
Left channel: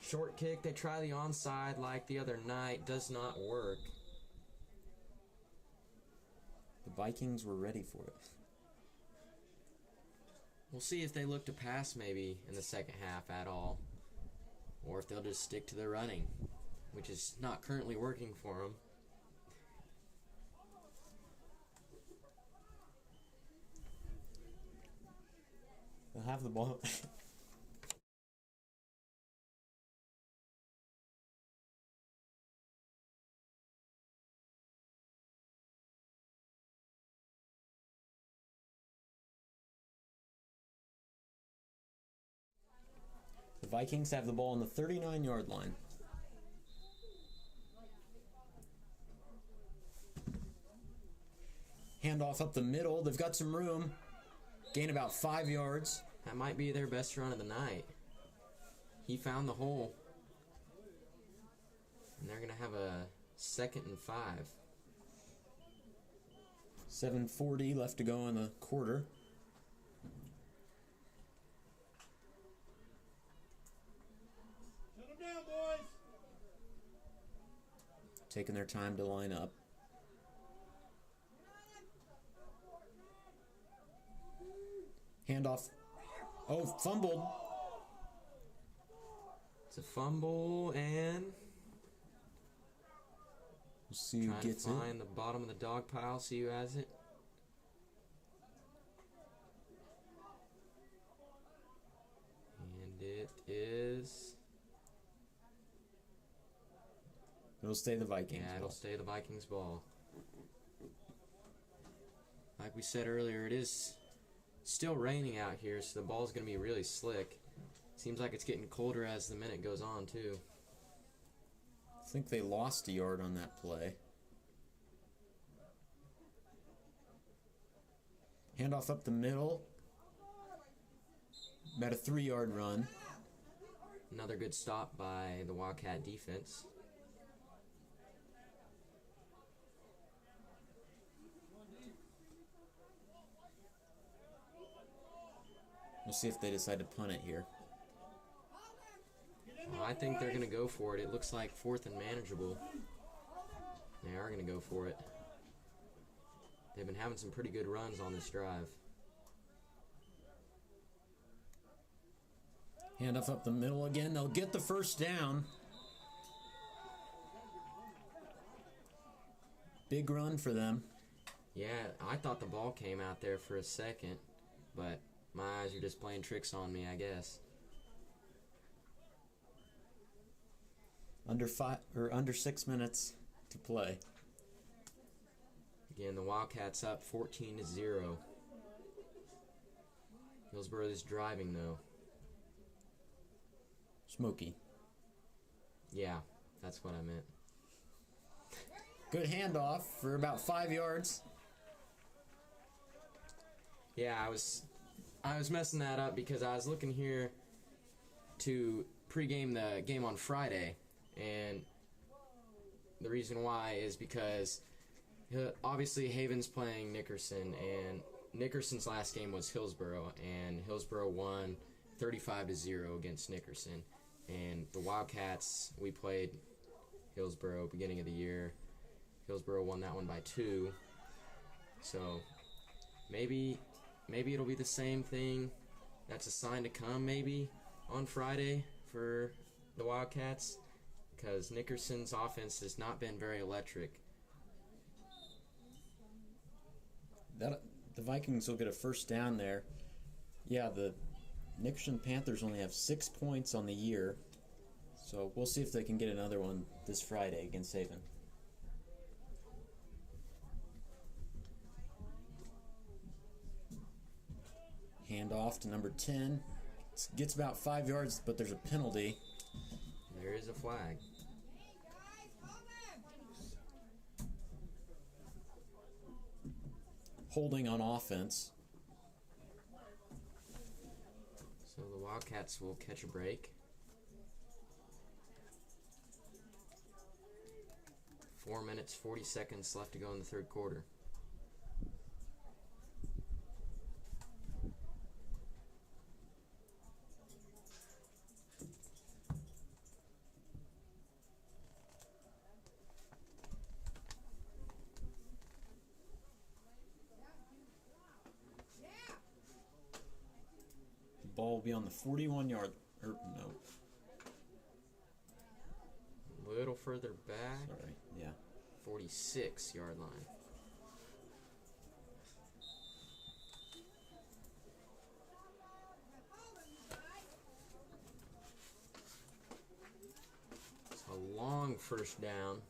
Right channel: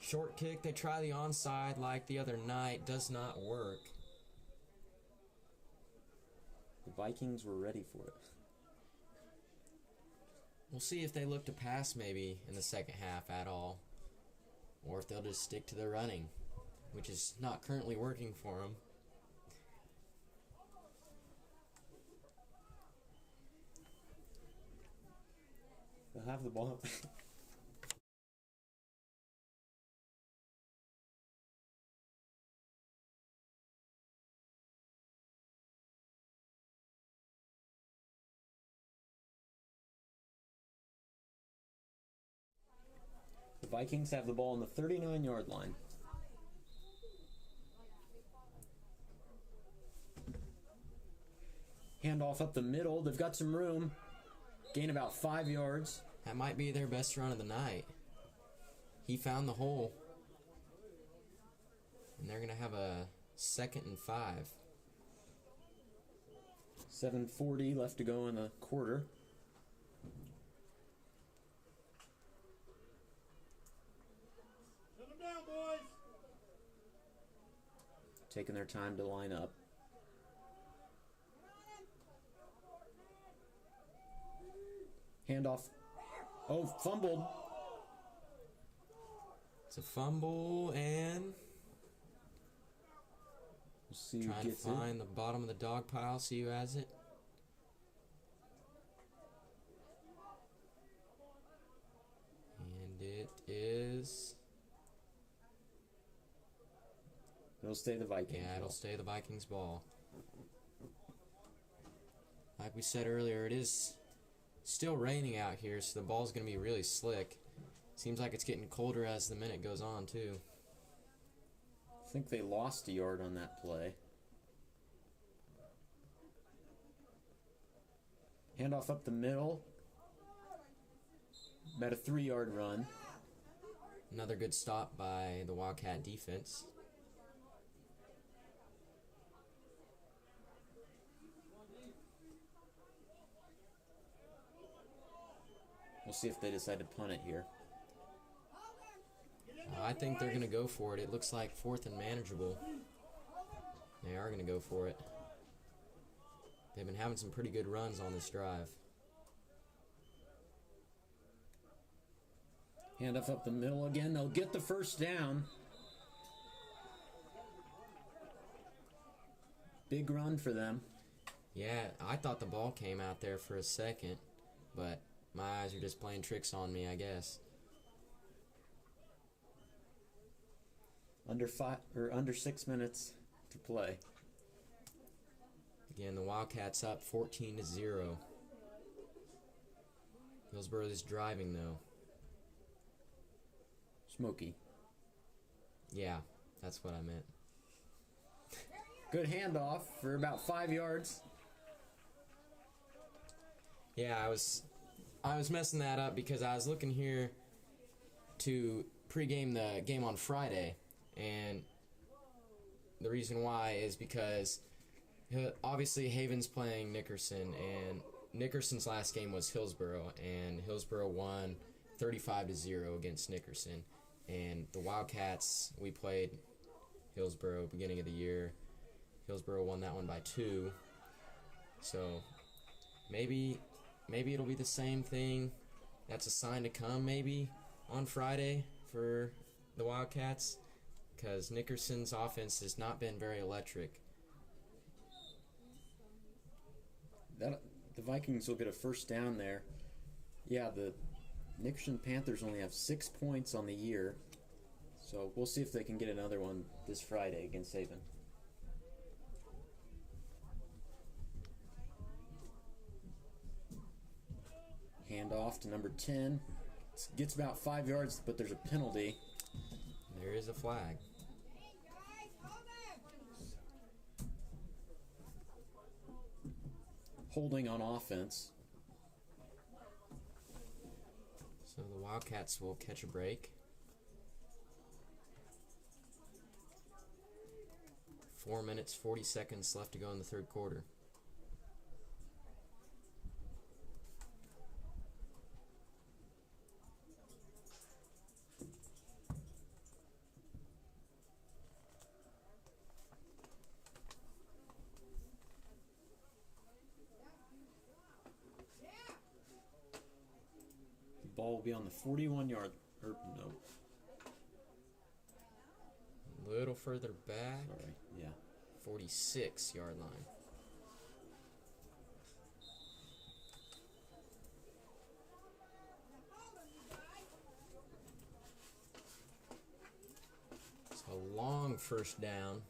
Short kick, they try the onside like the other night, does not work. The Vikings were ready for it. We'll see if they look to pass maybe in the second half at all. Or if they'll just stick to their running, which is not currently working for them. They'll have the ball. The Vikings have the ball on the 39-yard line. Handoff up the middle. They've got some room. Gain about 5 yards. That might be their best run of the night. He found the hole. And they're going to have a 2nd and 5. 7:40 left to go in the quarter. Shut them down, boys. Taking their time to line up. Handoff. Oh, fumbled. It's a fumble, and We'll see who trying to gets find it. the bottom of the dog pile, see who has it. And it is... It'll stay the Vikings. Yeah, it'll stay the Vikings ball. Like we said earlier, it is still raining out here, so the ball's going to be really slick. Seems like it's getting colder as the minute goes on, too. I think they lost a yard on that play. Handoff up the middle. About a 3-yard run. Another good stop by the Wildcat defense. We'll see if they decide to punt it here. I think they're going to go for it. It looks like 4th and manageable. They are going to go for it. They've been having some pretty good runs on this drive. Handoff up the middle again. They'll get the first down. Big run for them. Yeah, I thought the ball came out there for a second, but my eyes are just playing tricks on me, I guess. Under 6 minutes to play. Again, the Wildcats up 14-0. Hillsborough is driving, though. Smoky. Yeah, that's what I meant. Good handoff for about 5 yards. Yeah, I was messing that up because I was looking here to pregame the game on Friday, and the reason why is because obviously Haven's playing Nickerson, and Nickerson's last game was Hillsborough, and Hillsborough won 35-0 against Nickerson. And the Wildcats, we played Hillsborough beginning of the year. Hillsborough won that one by 2. So maybe it'll be the same thing. That's a sign to come maybe on Friday for the Wildcats, because Nickerson's offense has not been very electric. The Vikings will get a first down there. Yeah, the Nickerson Panthers only have 6 points on the year, so we'll see if they can get another one this Friday against Haven. Handoff to number 10. Gets about 5 yards, but there's a penalty. There is a flag. Holding on offense. So the Wildcats will catch a break. 4 minutes, 40 seconds left to go in the third quarter. ball will be on the 41-yard. No. A little further back. Sorry. Yeah. 46-yard line. It's a long first down.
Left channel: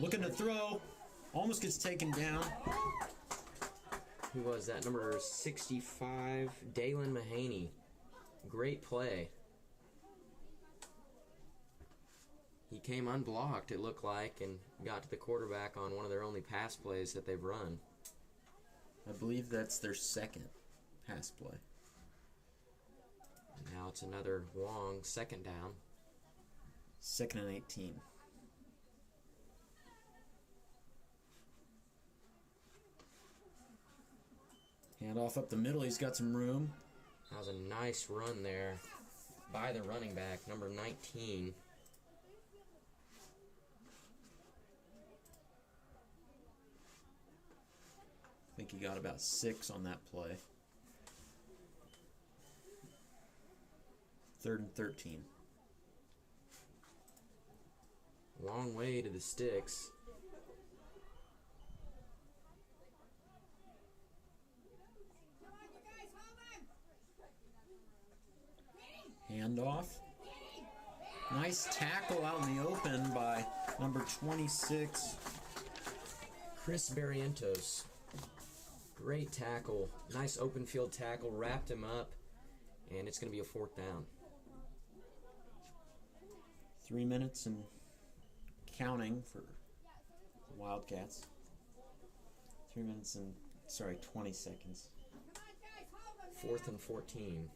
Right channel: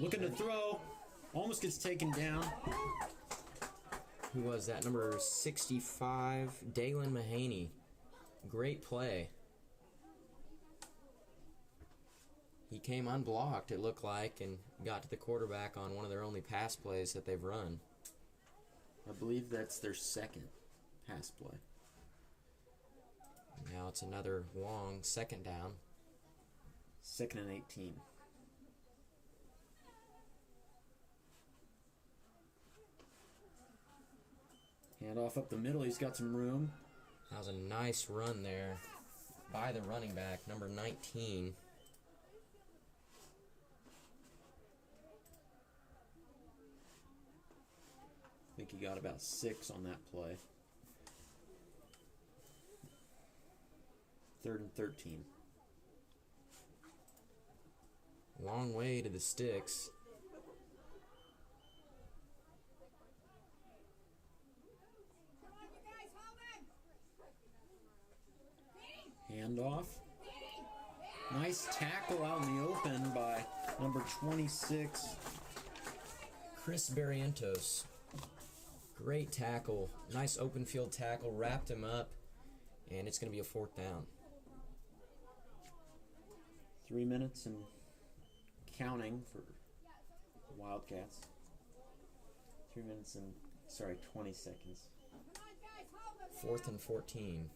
Looking to throw. Almost gets taken down. Who was that? Number 65, Dalen Mahaney. Great play. He came unblocked, it looked like, and got to the quarterback on one of their only pass plays that they've run. I believe that's their second pass play. Now it's another long second down. 2nd and 18. Hand off up the middle. He's got some room. That was a nice run there by the running back, number 19. I think he got about 6 on that play. 3rd and 13. Long way to the sticks. Handoff. Nice tackle out in the open by number 26. Chris Barrientos. Great tackle. Nice open field tackle. Wrapped him up. And it's going to be a 4th down. 3 minutes and counting for Wildcats. 3 minutes and, 20 seconds. 4th and 14.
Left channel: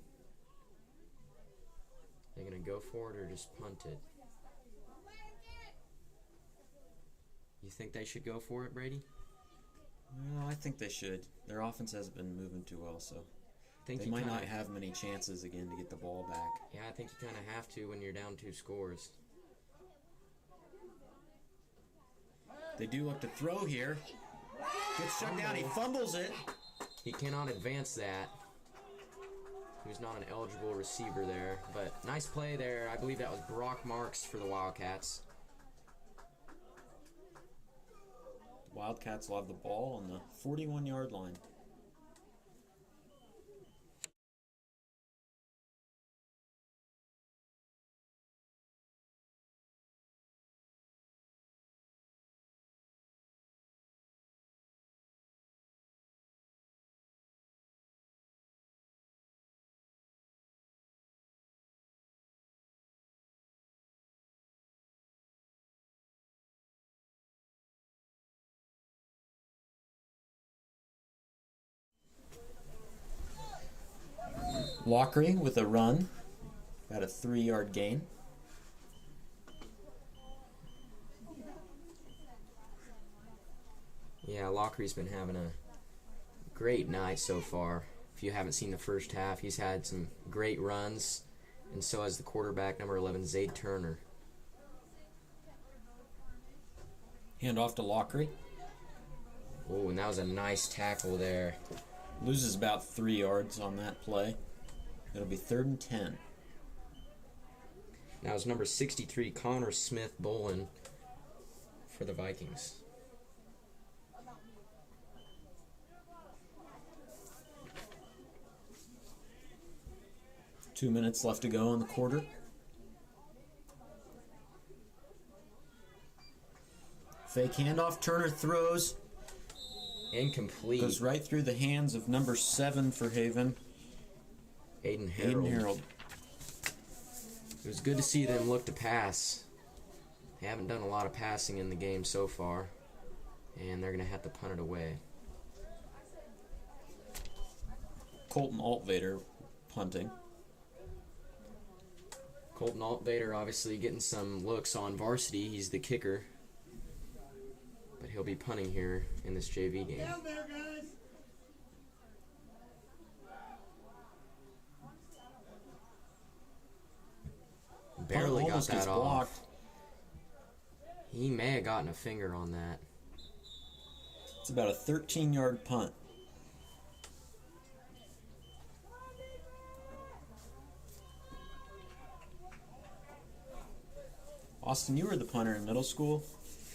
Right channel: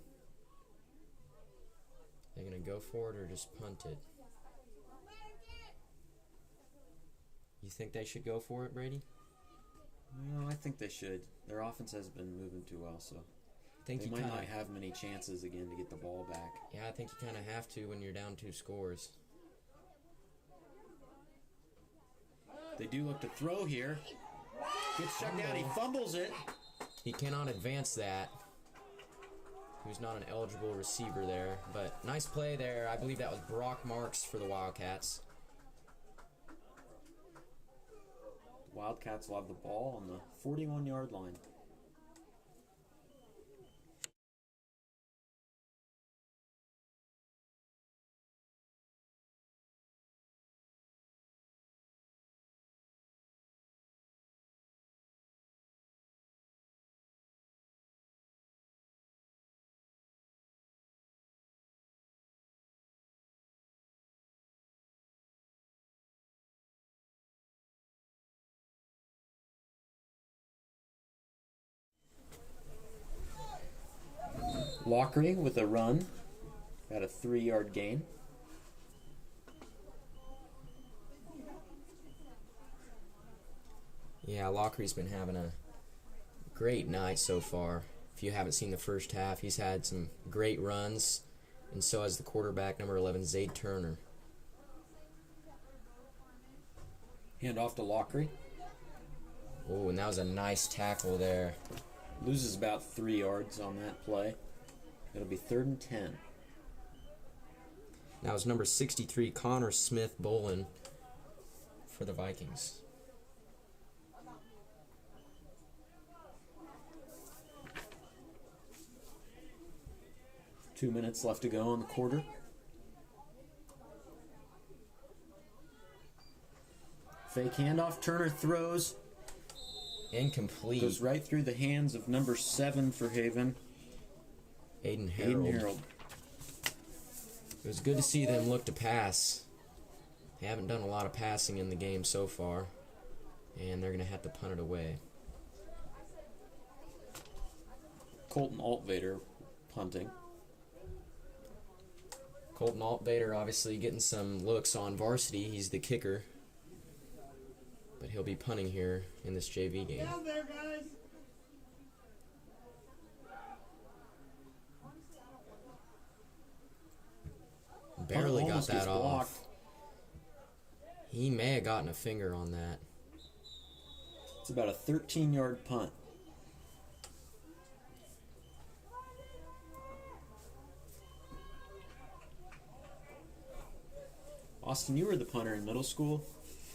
They're going to go for it or just punt it? You think they should go for it, Brady? Well, I think they should. Their offense hasn't been moving too well, so they might not have many chances again to get the ball back. Yeah, I think you kind of have to when you're down 2 scores. They do look to throw here. Gets shut down. He fumbles it. He cannot advance that. He was not an eligible receiver there, but nice play there. I believe that was Brock Marks for the Wildcats. The Wildcats will have the ball on the 41-yard line. Lockery with a run. Got a 3-yard gain. Yeah, Lockery's been having a great night so far. If you haven't seen the first half, he's had some great runs, and so has the quarterback, number 11, Zayd Turner. Hand off to Lockery. Oh, and that was a nice tackle there. Loses about 3 yards on that play. It'll be 3rd and 10. Now it's number 63, Connor Smith Bolin for the Vikings. Two minutes left to go in the quarter. Fake handoff. Turner throws. Incomplete. Goes right through the hands of number 7 for Haven. Aiden Harold. It was good to see them look to pass. They haven't done a lot of passing in the game so far, and they're going to have to punt it away. Colton Altvader punting. Colton Altvader obviously getting some looks on varsity. He's the kicker, but he'll be punting here in this JV game. Down there, guys. Barely got Almost that gets off. blocked. He may have gotten a finger on that. It's about a 13-yard punt. Austin, you were the punter in middle school.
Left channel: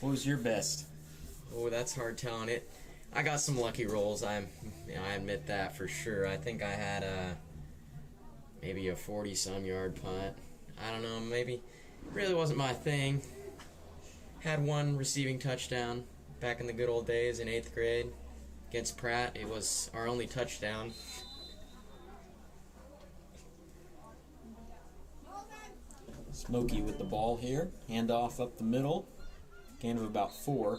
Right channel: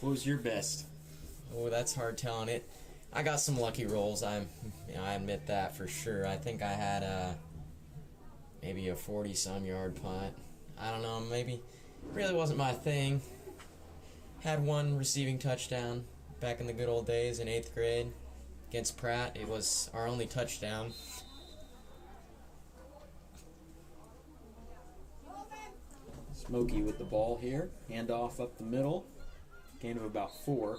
What was your best? Oh, that's hard telling it. I got some lucky rolls. I admit that for sure. I think I had maybe a 40-some yard punt. I don't know, maybe really wasn't my thing. Had one receiving touchdown back in the good old days in 8th grade against Pratt. It was our only touchdown. Smoky with the ball here. Handoff up the middle. Gain of about 4.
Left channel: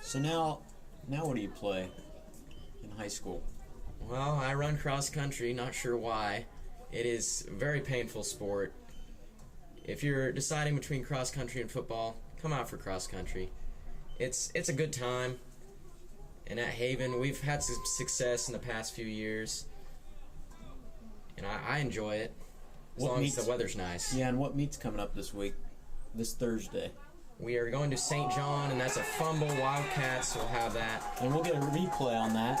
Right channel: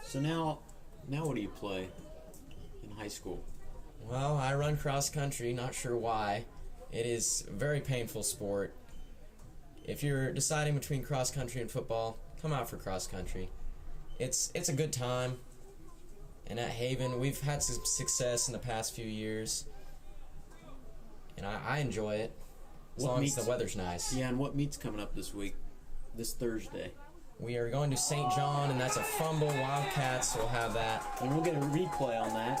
So now what do you play in high school? Well, I run cross country, not sure why. It is a very painful sport. If you're deciding between cross country and football, come out for cross country. It's a good time. And at Haven, we've had some success in the past few years. And I enjoy it. As long as the weather's nice. Yeah, and what meet's coming up this week? This Thursday. We are going to St. John, and that's a fumble. Wildcats, so we'll have that. And we'll get a replay on that.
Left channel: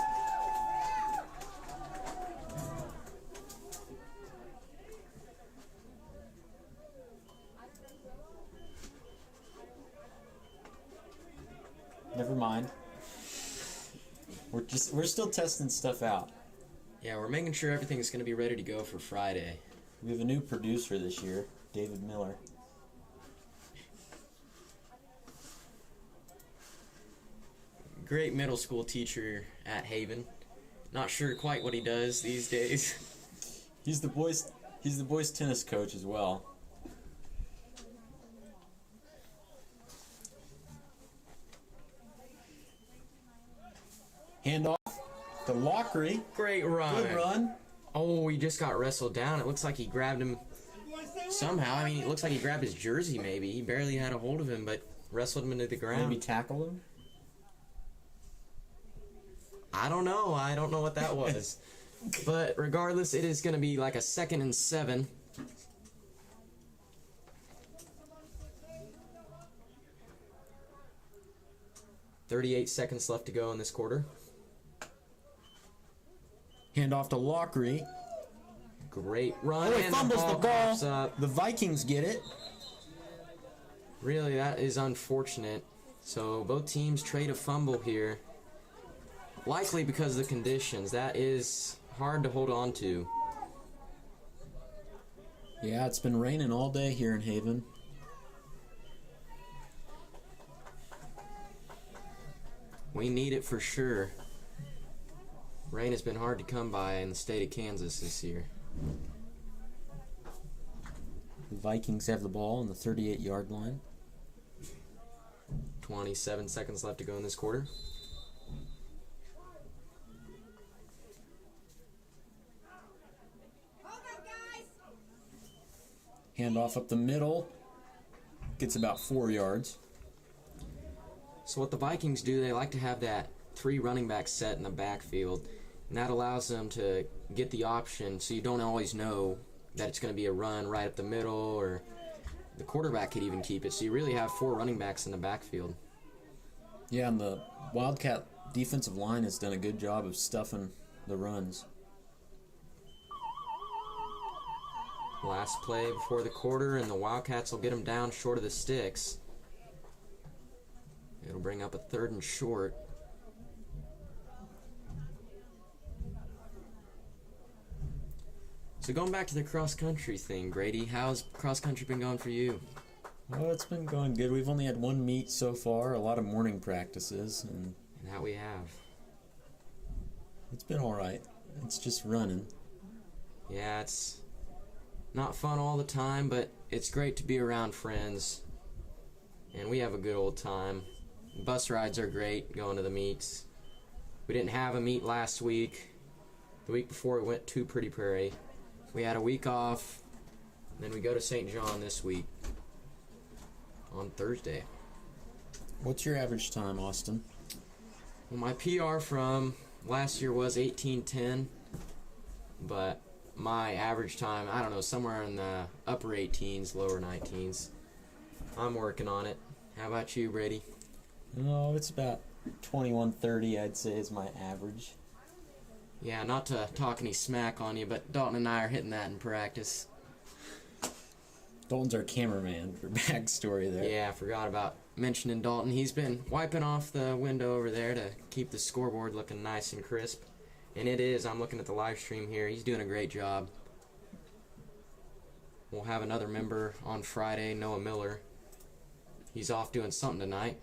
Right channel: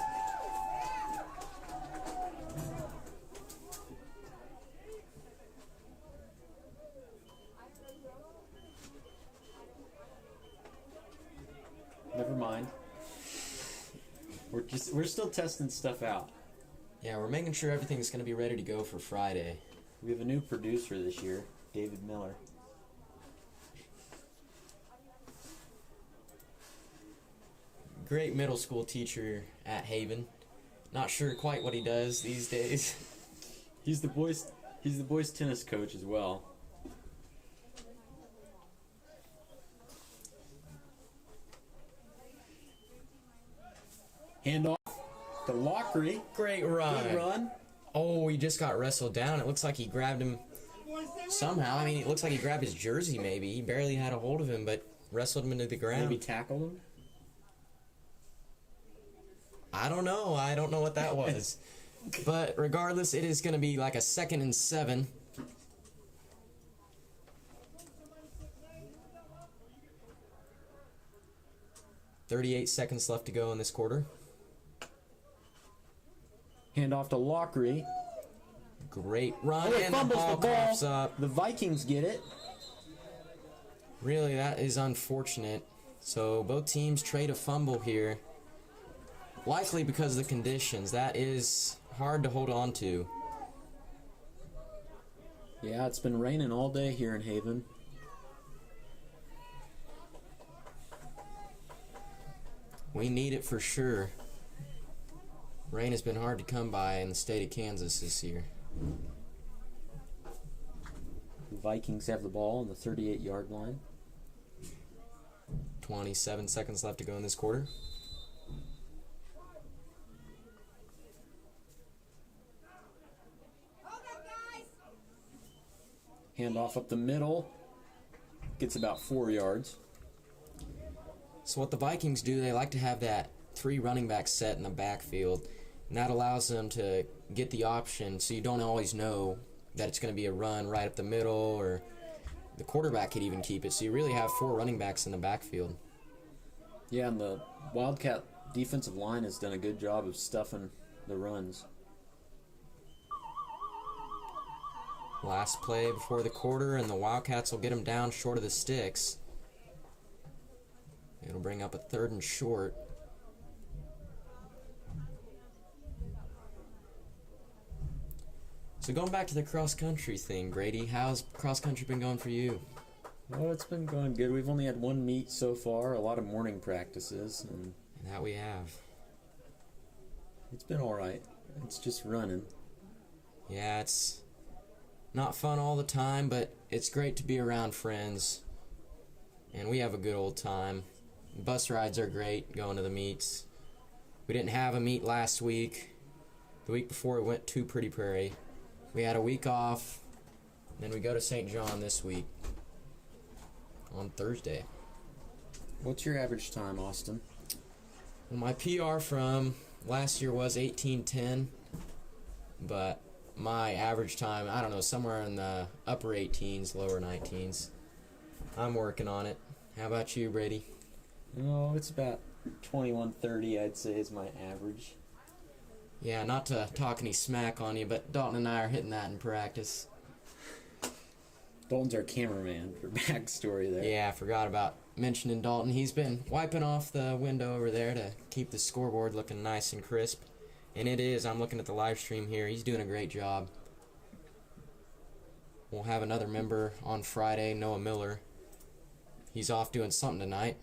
Never mind. We're still testing stuff out. Yeah, we're making sure everything's going to be ready to go for Friday. We have a new producer this year, David Miller. Great middle school teacher at Haven. Not sure quite what he does these days. He's the boys tennis coach as well. Handoff to Lockery. Great run. Good run. Oh, he just got wrestled down. It looks like he grabbed him somehow. I mean, it looks like he grabbed his jersey maybe. He barely had a hold of him, but wrestled him into the ground. Maybe tackled him? I don't know. I don't know what that was. But regardless, it is going to be like a 2nd and 7. .38 seconds left to go in this quarter. Handoff to Lockery. Great run, Oh, he and the fumbles ball the ball. pops up. The Vikings get it. Really, that is unfortunate. So both teams trade a fumble here. Likely because of the conditions. That is hard to hold on to. Yeah, it's been raining all day here in Haven. We need it for sure. Rain has been hard to come by in the state of Kansas this year. The Vikings have the ball on the 38-yard line. 27 seconds left to go in this quarter. Handoff up the middle. Gets about 4 yards. So what the Vikings do, they like to have that 3 running back set in the backfield. And that allows them to get the option so you don't always know that it's going to be a run right up the middle, or the quarterback could even keep it. So you really have 4 running backs in the backfield. Yeah, and the Wildcat defensive line has done a good job of stuffing the runs. Last play before the quarter, and the Wildcats will get them down short of the sticks. It'll bring up a 3rd and short. So going back to the cross-country thing, Grady, how's cross-country been going for you? Well, it's been going good. We've only had 1 meet so far, a lot of morning practices, and And that we have. it's been all right. It's just running. Yeah, it's not fun all the time, but it's great to be around friends. And we have a good old time. Bus rides are great, going to the meets. We didn't have a meet last week. The week before we went to Pretty Prairie. We had a week off, and then we go to St. John this week on Thursday. What's your average time, Austin? Well, my PR from last year was 18:10, but my average time, I don't know, somewhere in the upper 18s, lower 19s. I'm working on it. How about you, Brady? No, it's about 21-30, I'd say, is my average. Yeah, not to talk any smack on you, but Dalton and I are hitting that in practice. Dalton's our cameraman for backstory there. Yeah, I forgot about mentioning Dalton. He's been wiping off the window over there to keep the scoreboard looking nice and crisp. And it is. I'm looking at the live stream here. He's doing a great job. We'll have another member on Friday, Noah Miller. He's off doing something tonight.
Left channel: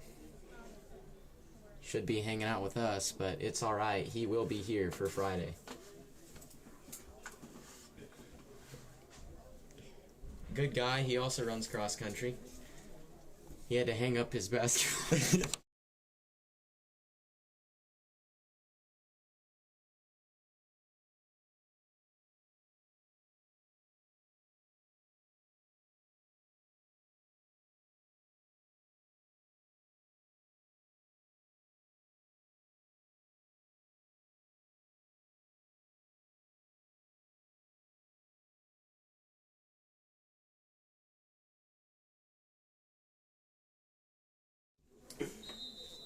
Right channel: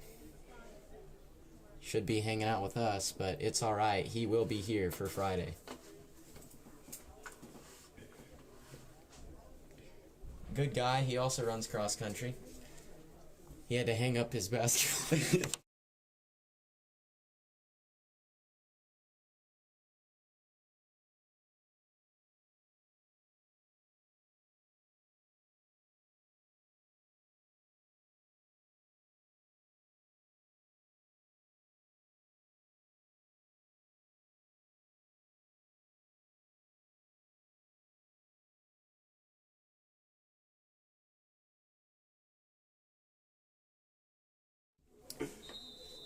Should be hanging out with us, but it's all right. He will be here for Friday. Good guy. He also runs cross country. He had to hang up his basketball.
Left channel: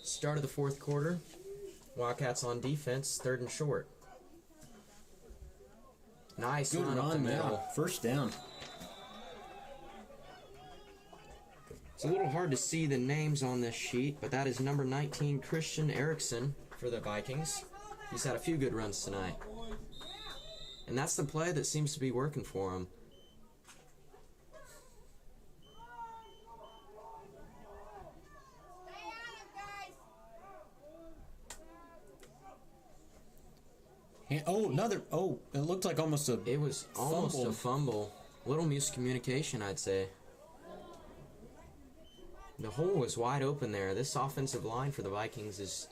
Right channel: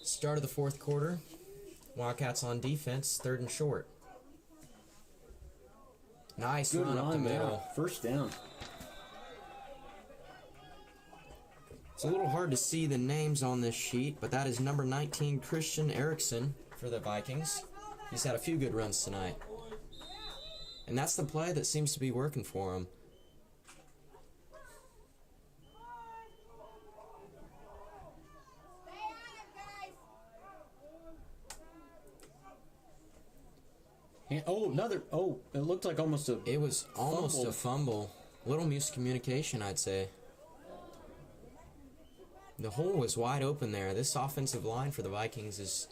Start of the fourth quarter. Wildcats on defense, 3rd and short. Nice Good run up the middle. there. First down. It's a little hard to see the names on this sheet, but that is number 19, Christian Erickson for the Vikings. He's had a few good runs tonight. And that's the play that seems to be working for him. It looked like almost a... It was almost fumble. a fumble. A little miscommunication, I'd say. The hole was wide open there. This offensive line for the Vikings is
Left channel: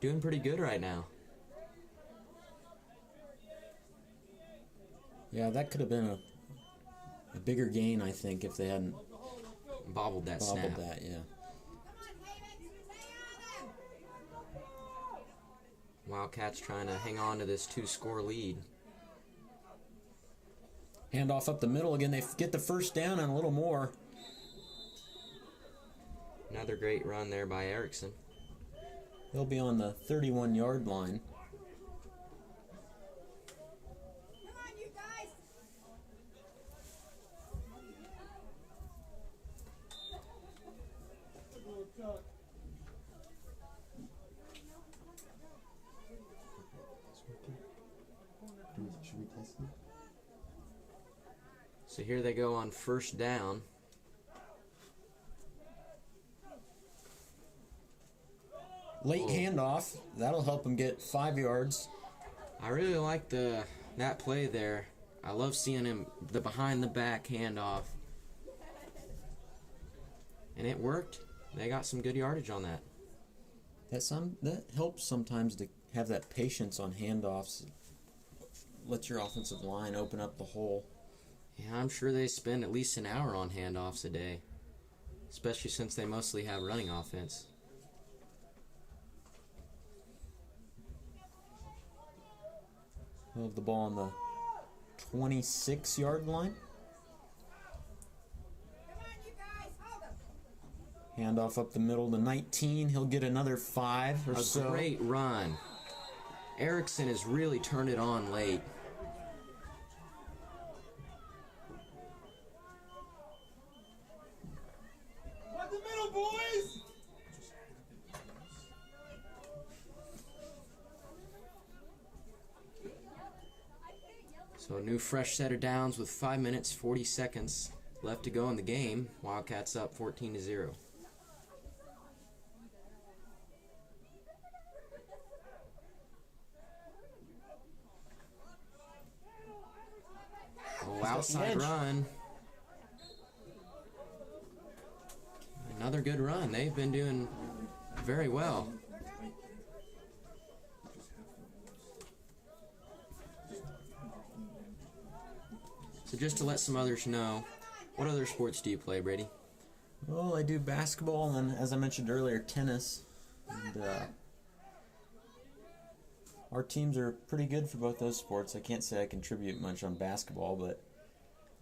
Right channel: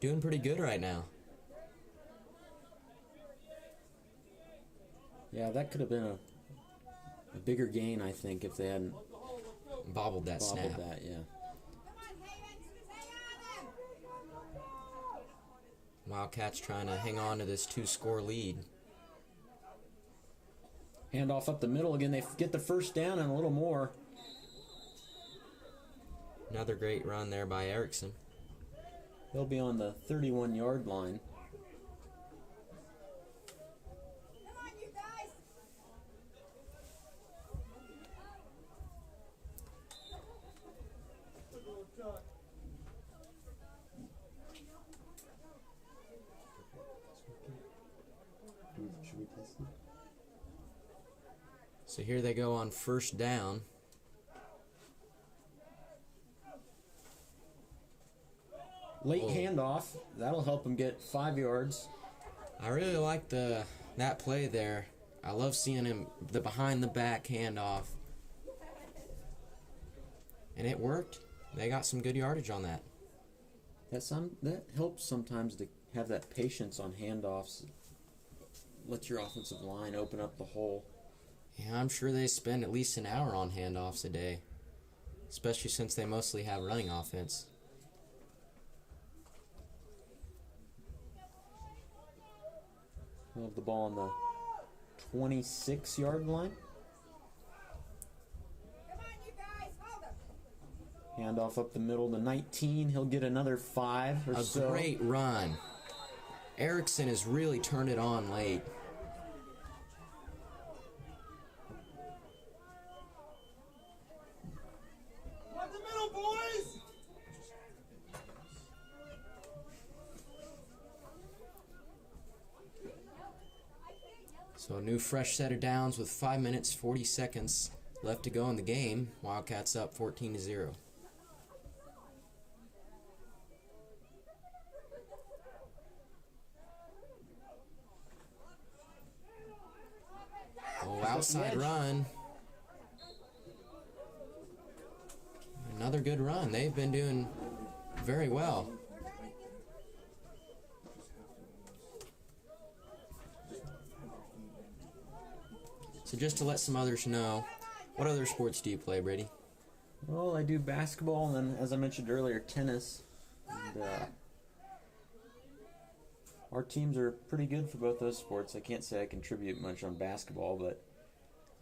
doing pretty good right now. Yeah, that could have been a bigger gain, I think, if they hadn't Bobbled that snap. bobbled that, yeah. Wildcats trying to hang on to this 2-score lead. Handoff up the middle again. They get the first down and a little more. Another great run there by Erickson. They'll be on the 31-yard line. Come on, you guys! Should we test it? So here they go on first down. Late handoff. That'll help them get 5 yards. I really like that play there. I love seeing him, the behind the back handoff. And it worked. They got some good yardage on that. That helps sometimes to have that patience on handoffs. Let your offensive line open up the hole. Yeah, I'm sure they spend at least an hour on handoffs a day, especially since they mostly have running offense. We'll have the ball on the 26-yard line. Come on, you guys! Hold them! Handoff up the middle to 19. He'll get another 5 or A so. great run. Erickson has really turned it on late. Up the middle, boys! So a new fresh set of downs with 5 minutes, 40 seconds left to go in the game. Wildcats up 14-0. Oh, outside run. Another good run. They've been doing very well. So just to let some others know, what other sports do you play, Brady? Well, I do basketball and then, as I mentioned earlier, tennis. And, our teams are pretty good for both those sports. I can't say I contribute much on basketball, but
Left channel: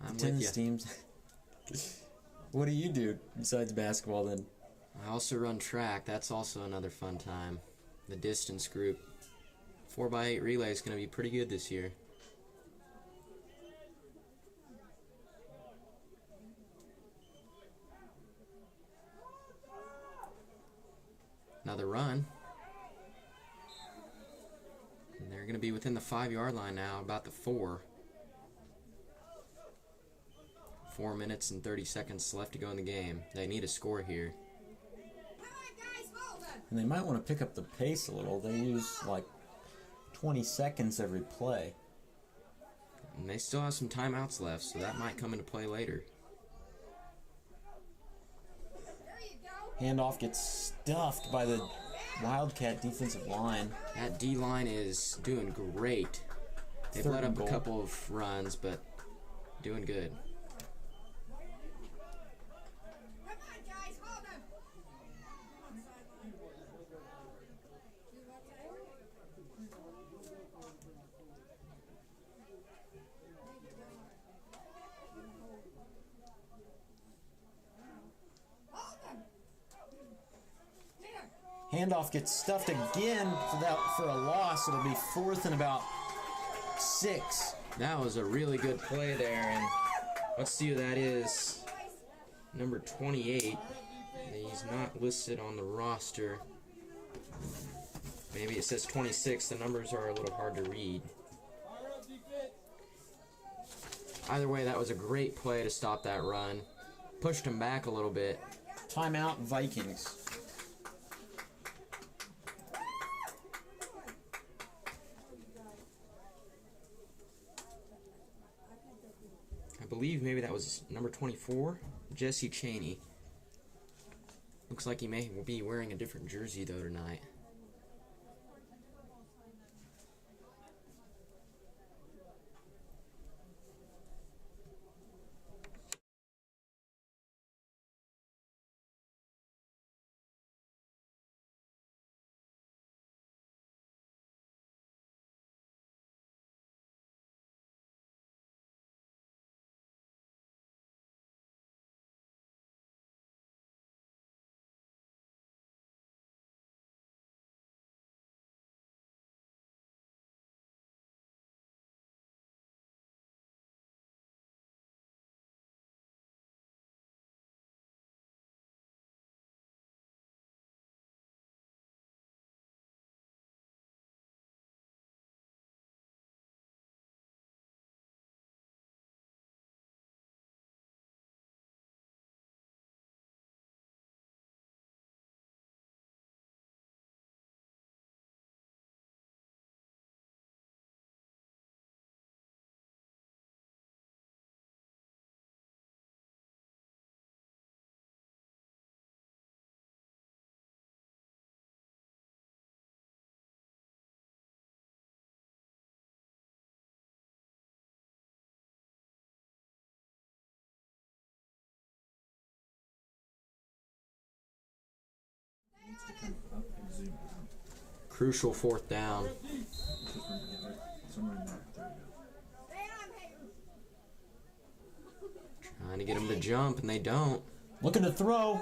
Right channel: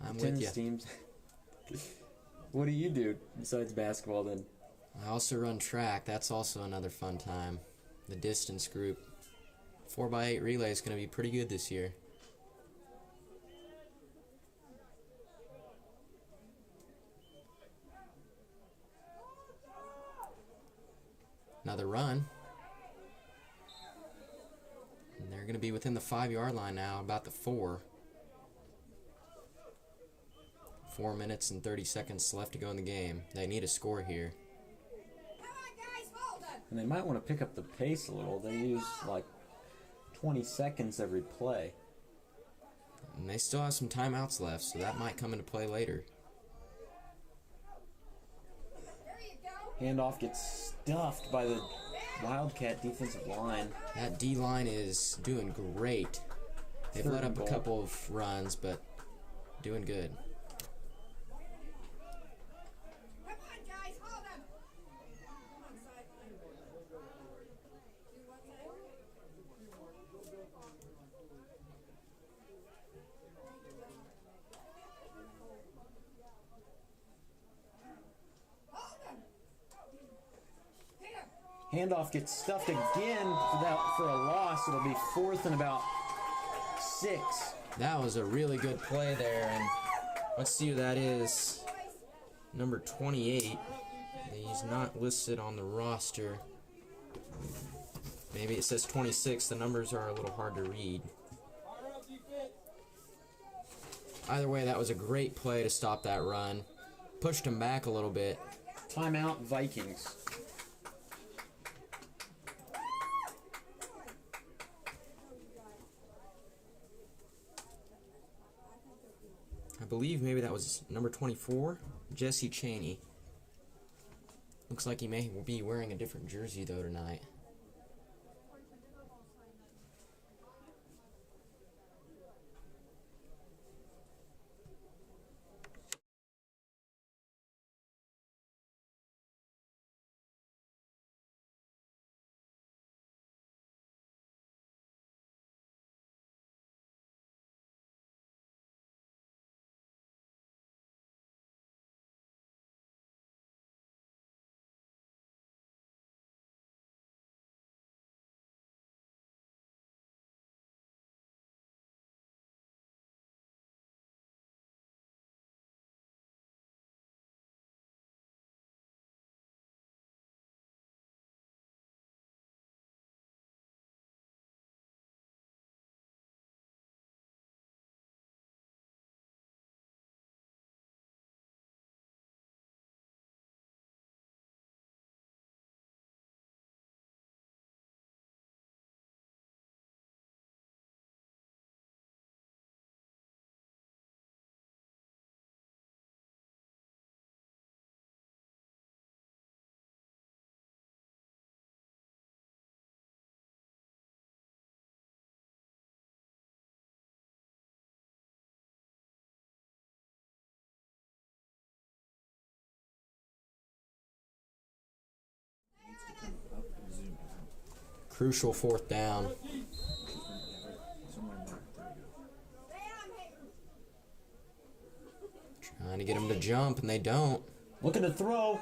I'm tennis with you. teams. What do you do besides basketball then? I also run track. That's also another fun time. The distance group. 4x8 relay is going to be pretty good this year. Another run. And they're going to be within the 5-yard line now, about the 4. 4 minutes and 30 seconds left to go in the game. They need a score here. Come on, guys, hold them. And they might want to pick up the pace a little. They use like 20 seconds every play. And they still have some timeouts left, so that might come into play later. There you go. Handoff gets stuffed by the Wildcat defensive line. That D-line is doing great. They've Third let and up a goal. couple of runs, but doing good. Come on, guys, hold them. Come on, sideline. Do what now? Hold them. Hit him. Handoff gets stuffed again for a loss. It'll be 4th and about 6. That was a really good play there, and let's see who that is. Number 28. He's not listed on the roster. Maybe it says 26. The numbers are a little hard to read. Either way, that was a great play to stop that run. Pushed him back a little bit. Timeout, Vikings. I believe maybe that was number 24, Jesse Chaney. Looks like he may be wearing a different jersey though tonight. Crucial 4th down. Trying to get him to jump, and they don't. Looking to throw.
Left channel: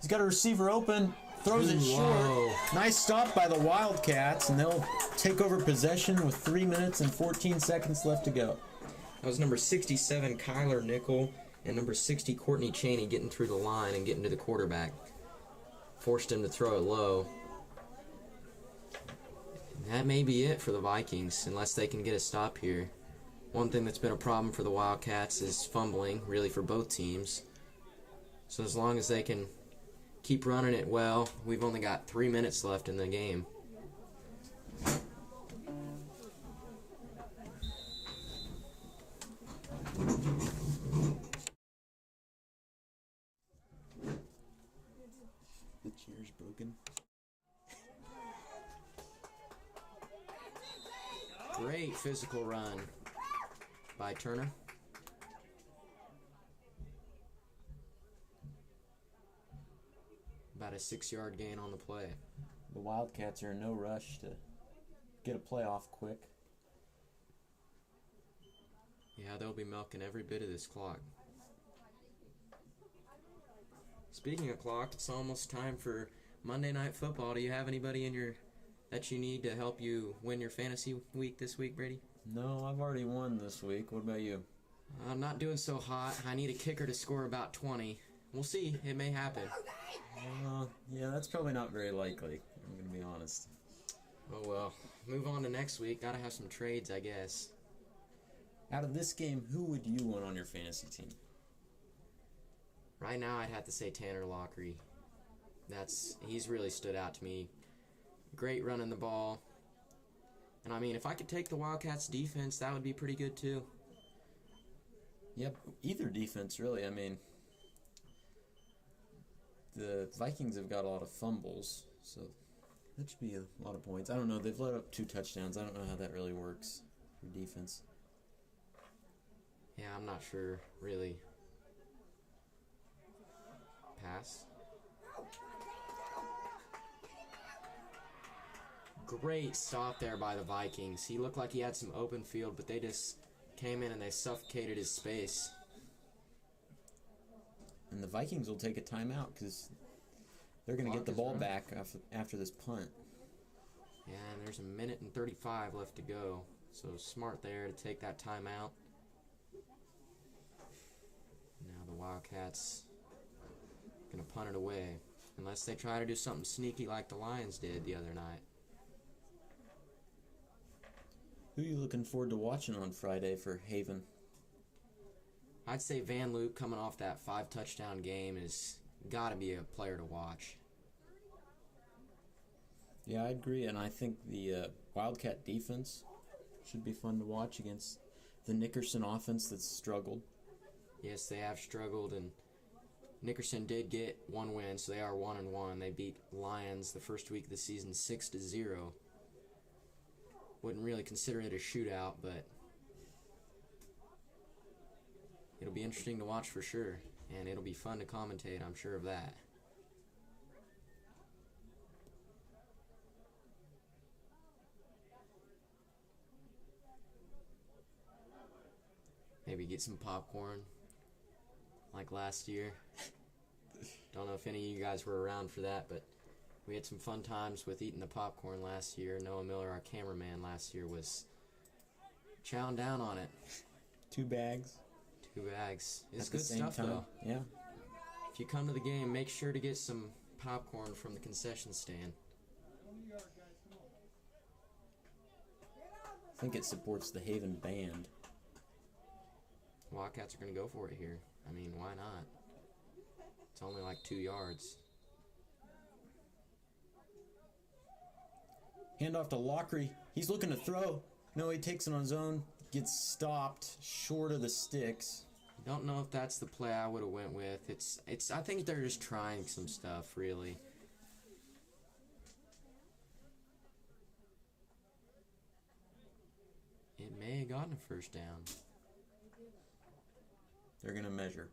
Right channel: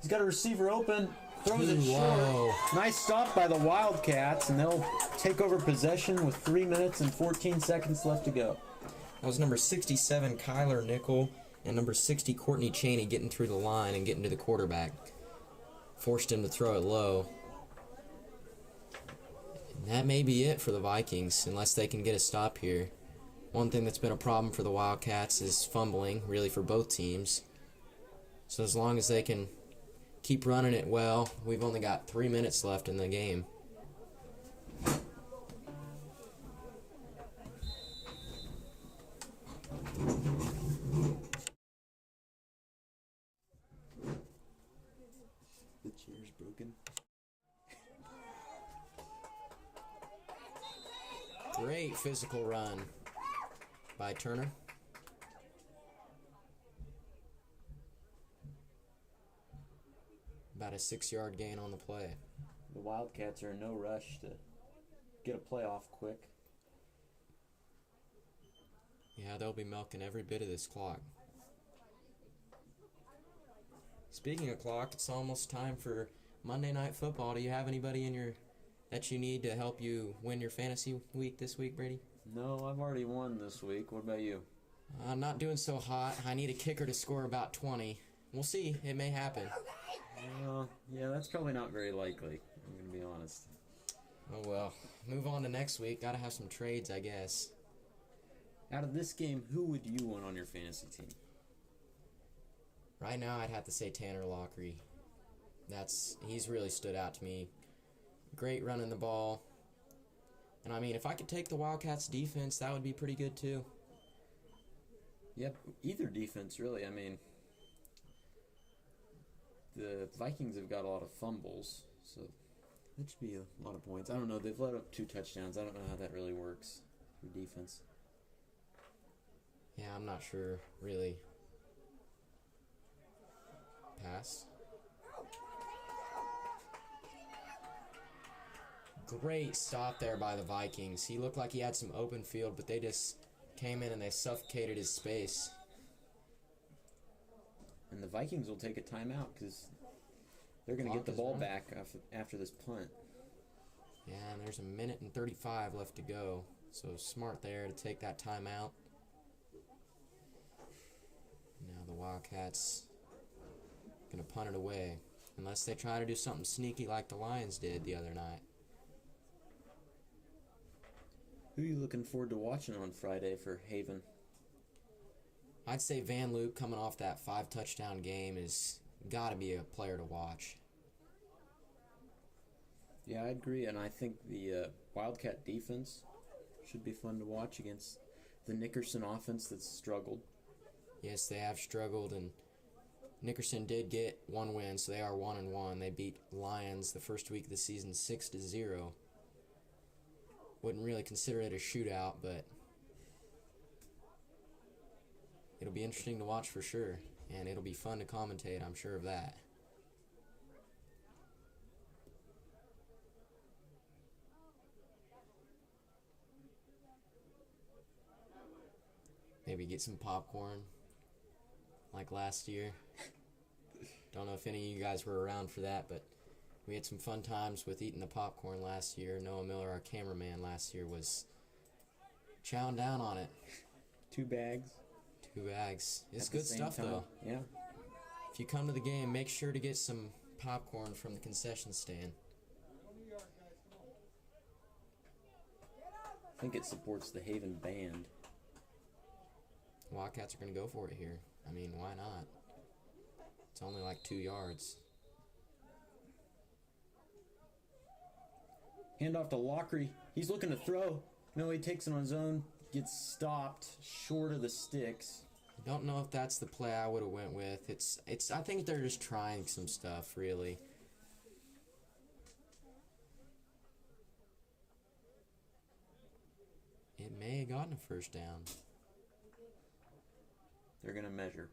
He's got a receiver open. Throws it Whoa. short. Nice stop by the Wildcats, and they'll take over possession with 3 minutes and 14 seconds left to go. That was number 67, Kyler Nickel, and number 60, Courtney Chaney getting through the line and getting to the quarterback. Forced him to throw it low. And that may be it for the Vikings, unless they can get a stop here. One thing that's been a problem for the Wildcats is fumbling, really for both teams. So as long as they can keep running it well, we've only got 3 minutes left in the game. The chair's broken. Great physical run by Turner. About a 6-yard gain on the play. The Wildcats are in no rush to get a play off quick. Yeah, they'll be milking every bit of this clock. Speaking of clock, it's almost time for Monday Night Football. Do you have anybody in your that you need to help you win your fantasy week this week, Brady? No, I've already won this week. What about you? I'm not doing so hot. I need a kicker to score about 20. We'll see. It may happen. Yeah, that's probably not very likely. I'm going to be honest. Oh well. Move on to next week. Gotta have some trades, I guess. Out of this game, who would you want on your fantasy team? Right now, I'd have to say Tanner Lockery. He's really stood out to me. Great running the ball. And I mean, if I could take the Wildcats defense, that would be pretty good too. Yep, either defense, really. I mean, the Vikings have got a lot of fumbles, so that should be a lot of points. I don't know. They've let up 2 touchdowns. I don't know how that really works for defense. Yeah, I'm not sure, really. Pass. Great stop there by the Vikings. He looked like he had some open field, but they just came in and they suffocated his space. And the Vikings will take a timeout because they're going to get the ball back after this punt. Yeah, and there's 1:35 left to go. So smart there to take that timeout. Now the Wildcats going to punt it away. Unless they try to do something sneaky like the Lions did the other night. Who are you looking forward to watching on Friday for Haven? I'd say Van Luke coming off that 5-touchdown game is got to be a player to watch. Yeah, I agree, and I think the Wildcat defense should be fun to watch against the Nickerson offense that's struggled. Yes, they have struggled, and Nickerson did get one win, so they are 1-1. They beat Lions the first week of the season 6-0. Wouldn't really consider it a shootout, but it'll be interesting to watch for sure, and it'll be fun to commentate, I'm sure of that. Maybe get some popcorn like last year. Don't know if any of you guys were around for that, but we had some fun times with eating the popcorn last year. Noah Miller, our cameraman last year, was chowing down on it. 2 bags. 2 bags. It's At the good same stuff, time. though. Yeah. If you come to the game, make sure to get some popcorn from the concession stand. I think it supports the Haven band. Wildcats are going to go for it here. I mean, why not? It's only like 2 yards. Hand off to Lockery. He's looking to throw. No, he takes it on his own. Gets stopped short of the sticks. Don't know if that's the play I would have went with. I think they're just trying some stuff, really. It may have gotten a first down. They're going to measure.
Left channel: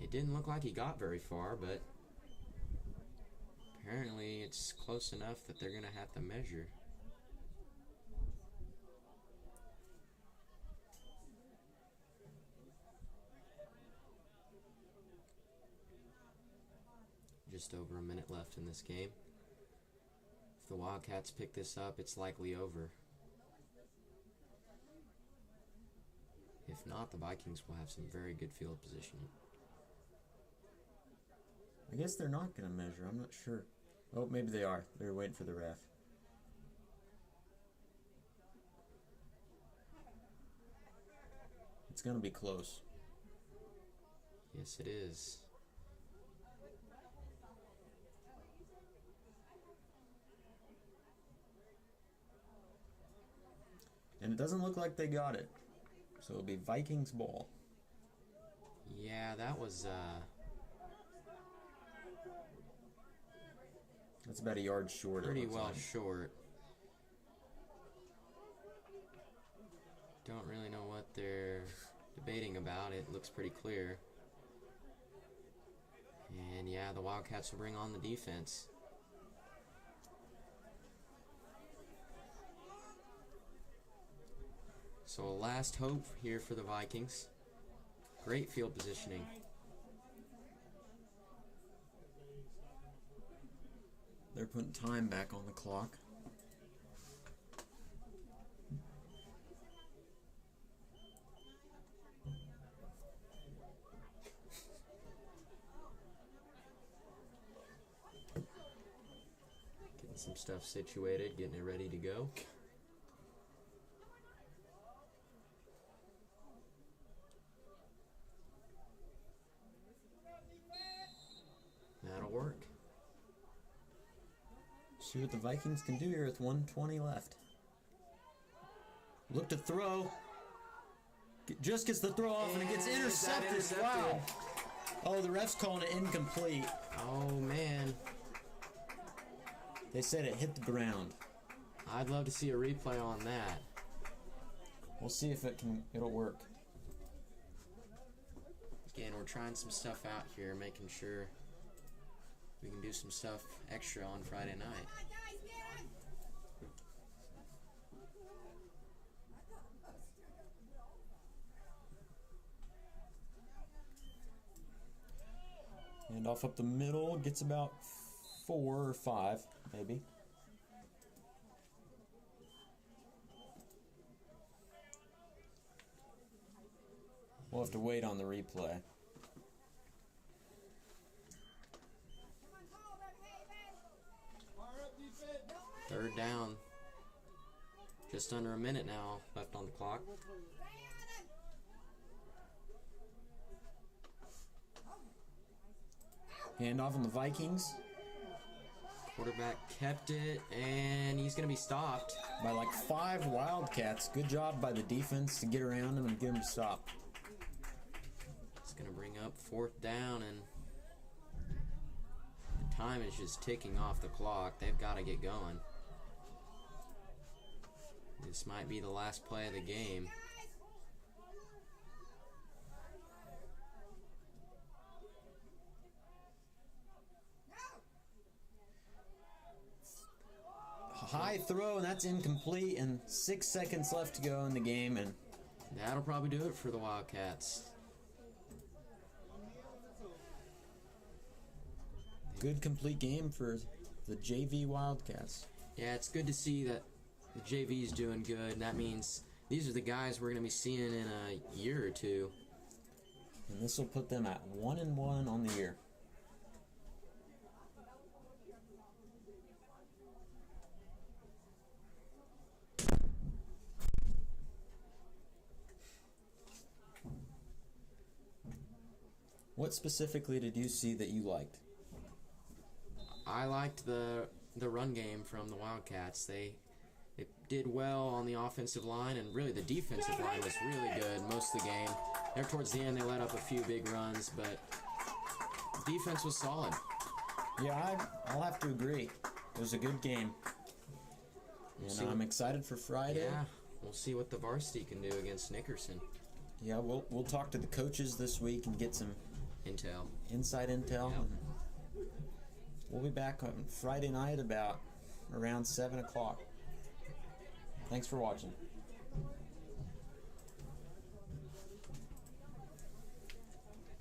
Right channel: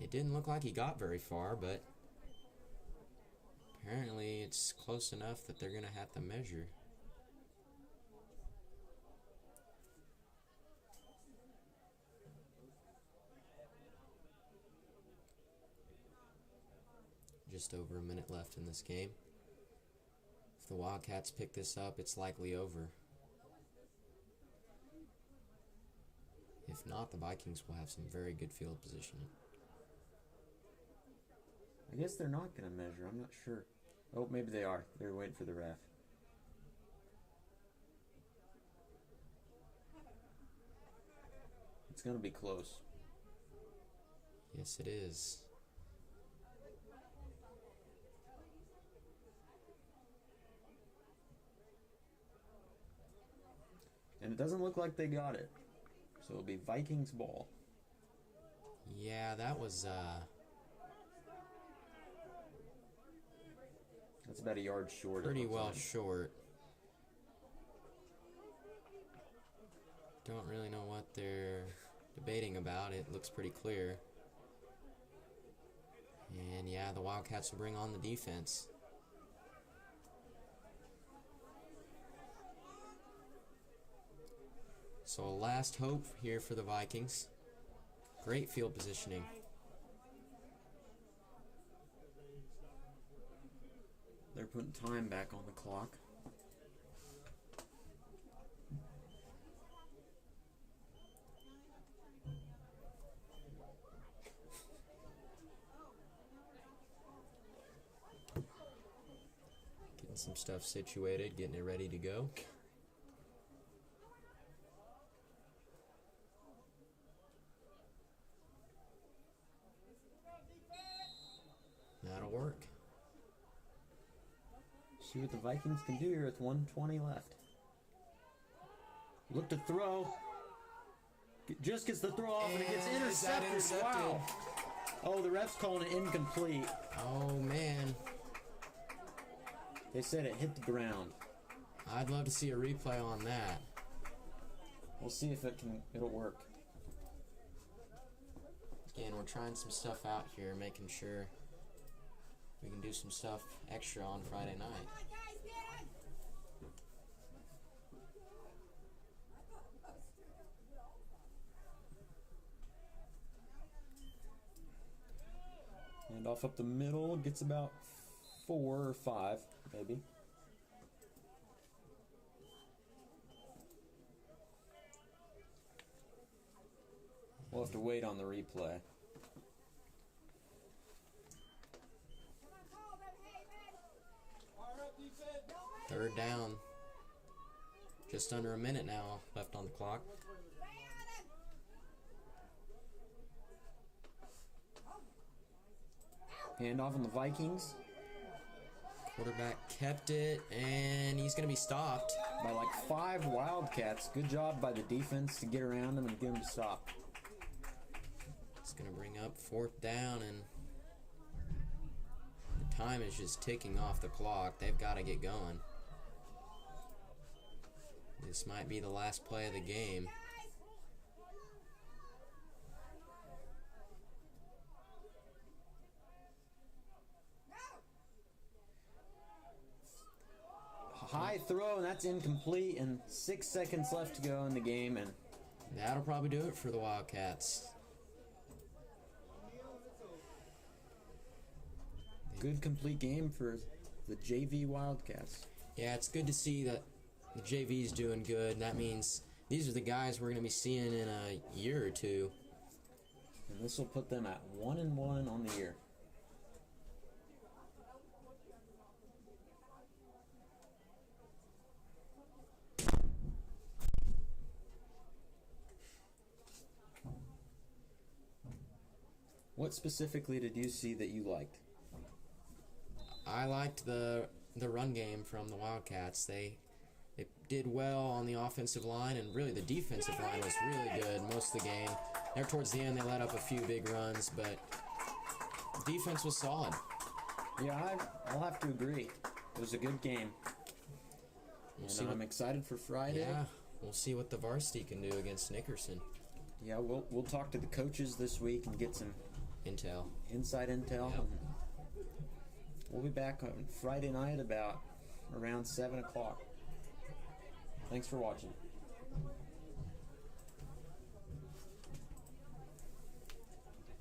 It didn't look like he got very far, but apparently it's close enough that they're going to have to measure. Just over a minute left in this game. If the Wildcats pick this up, it's likely over. If not, the Vikings will have some very good field positioning. I guess they're not going to measure. I'm not sure. Oh, maybe they are. They're waiting for the ref. It's going to be close. Yes, it is. And it doesn't look like they got it. So it'll be Vikings ball. Yeah, that was, That's about a yard short. pretty well short. Don't really know what they're debating about. It looks pretty clear. And yeah, the Wildcats will bring on the defense. So last hope here for the Vikings. Great field positioning. They're putting time back on the clock. Getting some stuff situated, getting it ready to go. That'll work. See what the Vikings can do here with 1:20 left. Look to throw. Just gets the throw off and it gets intercepted. Wow. Oh, the ref's calling it incomplete. Oh, man. They said it hit the ground. I'd love to see a replay on that. We'll see if it'll work. Again, we're trying some stuff out here, making sure we can do some stuff extra on Friday night. And off up the middle, gets about 4 or 5, maybe. We'll have to wait on the replay. Third down. Just under a minute now left on the clock. Handoff in the Vikings Quarterback kept it, and he's going to be stopped. by like 5 Wildcats. Good job by the defense to get around him and get him to stop. It's going to bring up 4th down, and the time is just ticking off the clock. They've got to get going. This might be the last play of the game. High throw, and that's incomplete, and 6 seconds left to go in the game, and That'll probably do it for the Wildcats. good complete game for the JV Wildcats. Yeah, it's good to see that the JV's doing good, and that means these are the guys we're going to be seeing in a year or two. And this will put them at 1-1 on the year. What specifically did you see that you liked? I liked the run game from the Wildcats. They did well on the offensive line, and really the defensive line was really good most of the game. There towards the end, they let up a few big runs, but defense was solid. Yeah, I'll have to agree. It was a good game. And I'm excited for Friday. Yeah, we'll see what the varsity can do against Nickerson. Yeah, we'll talk to the coaches this week and get some Intel. inside intel. Yep. We'll be back on Friday night about around 7 o'clock. Thanks for watching.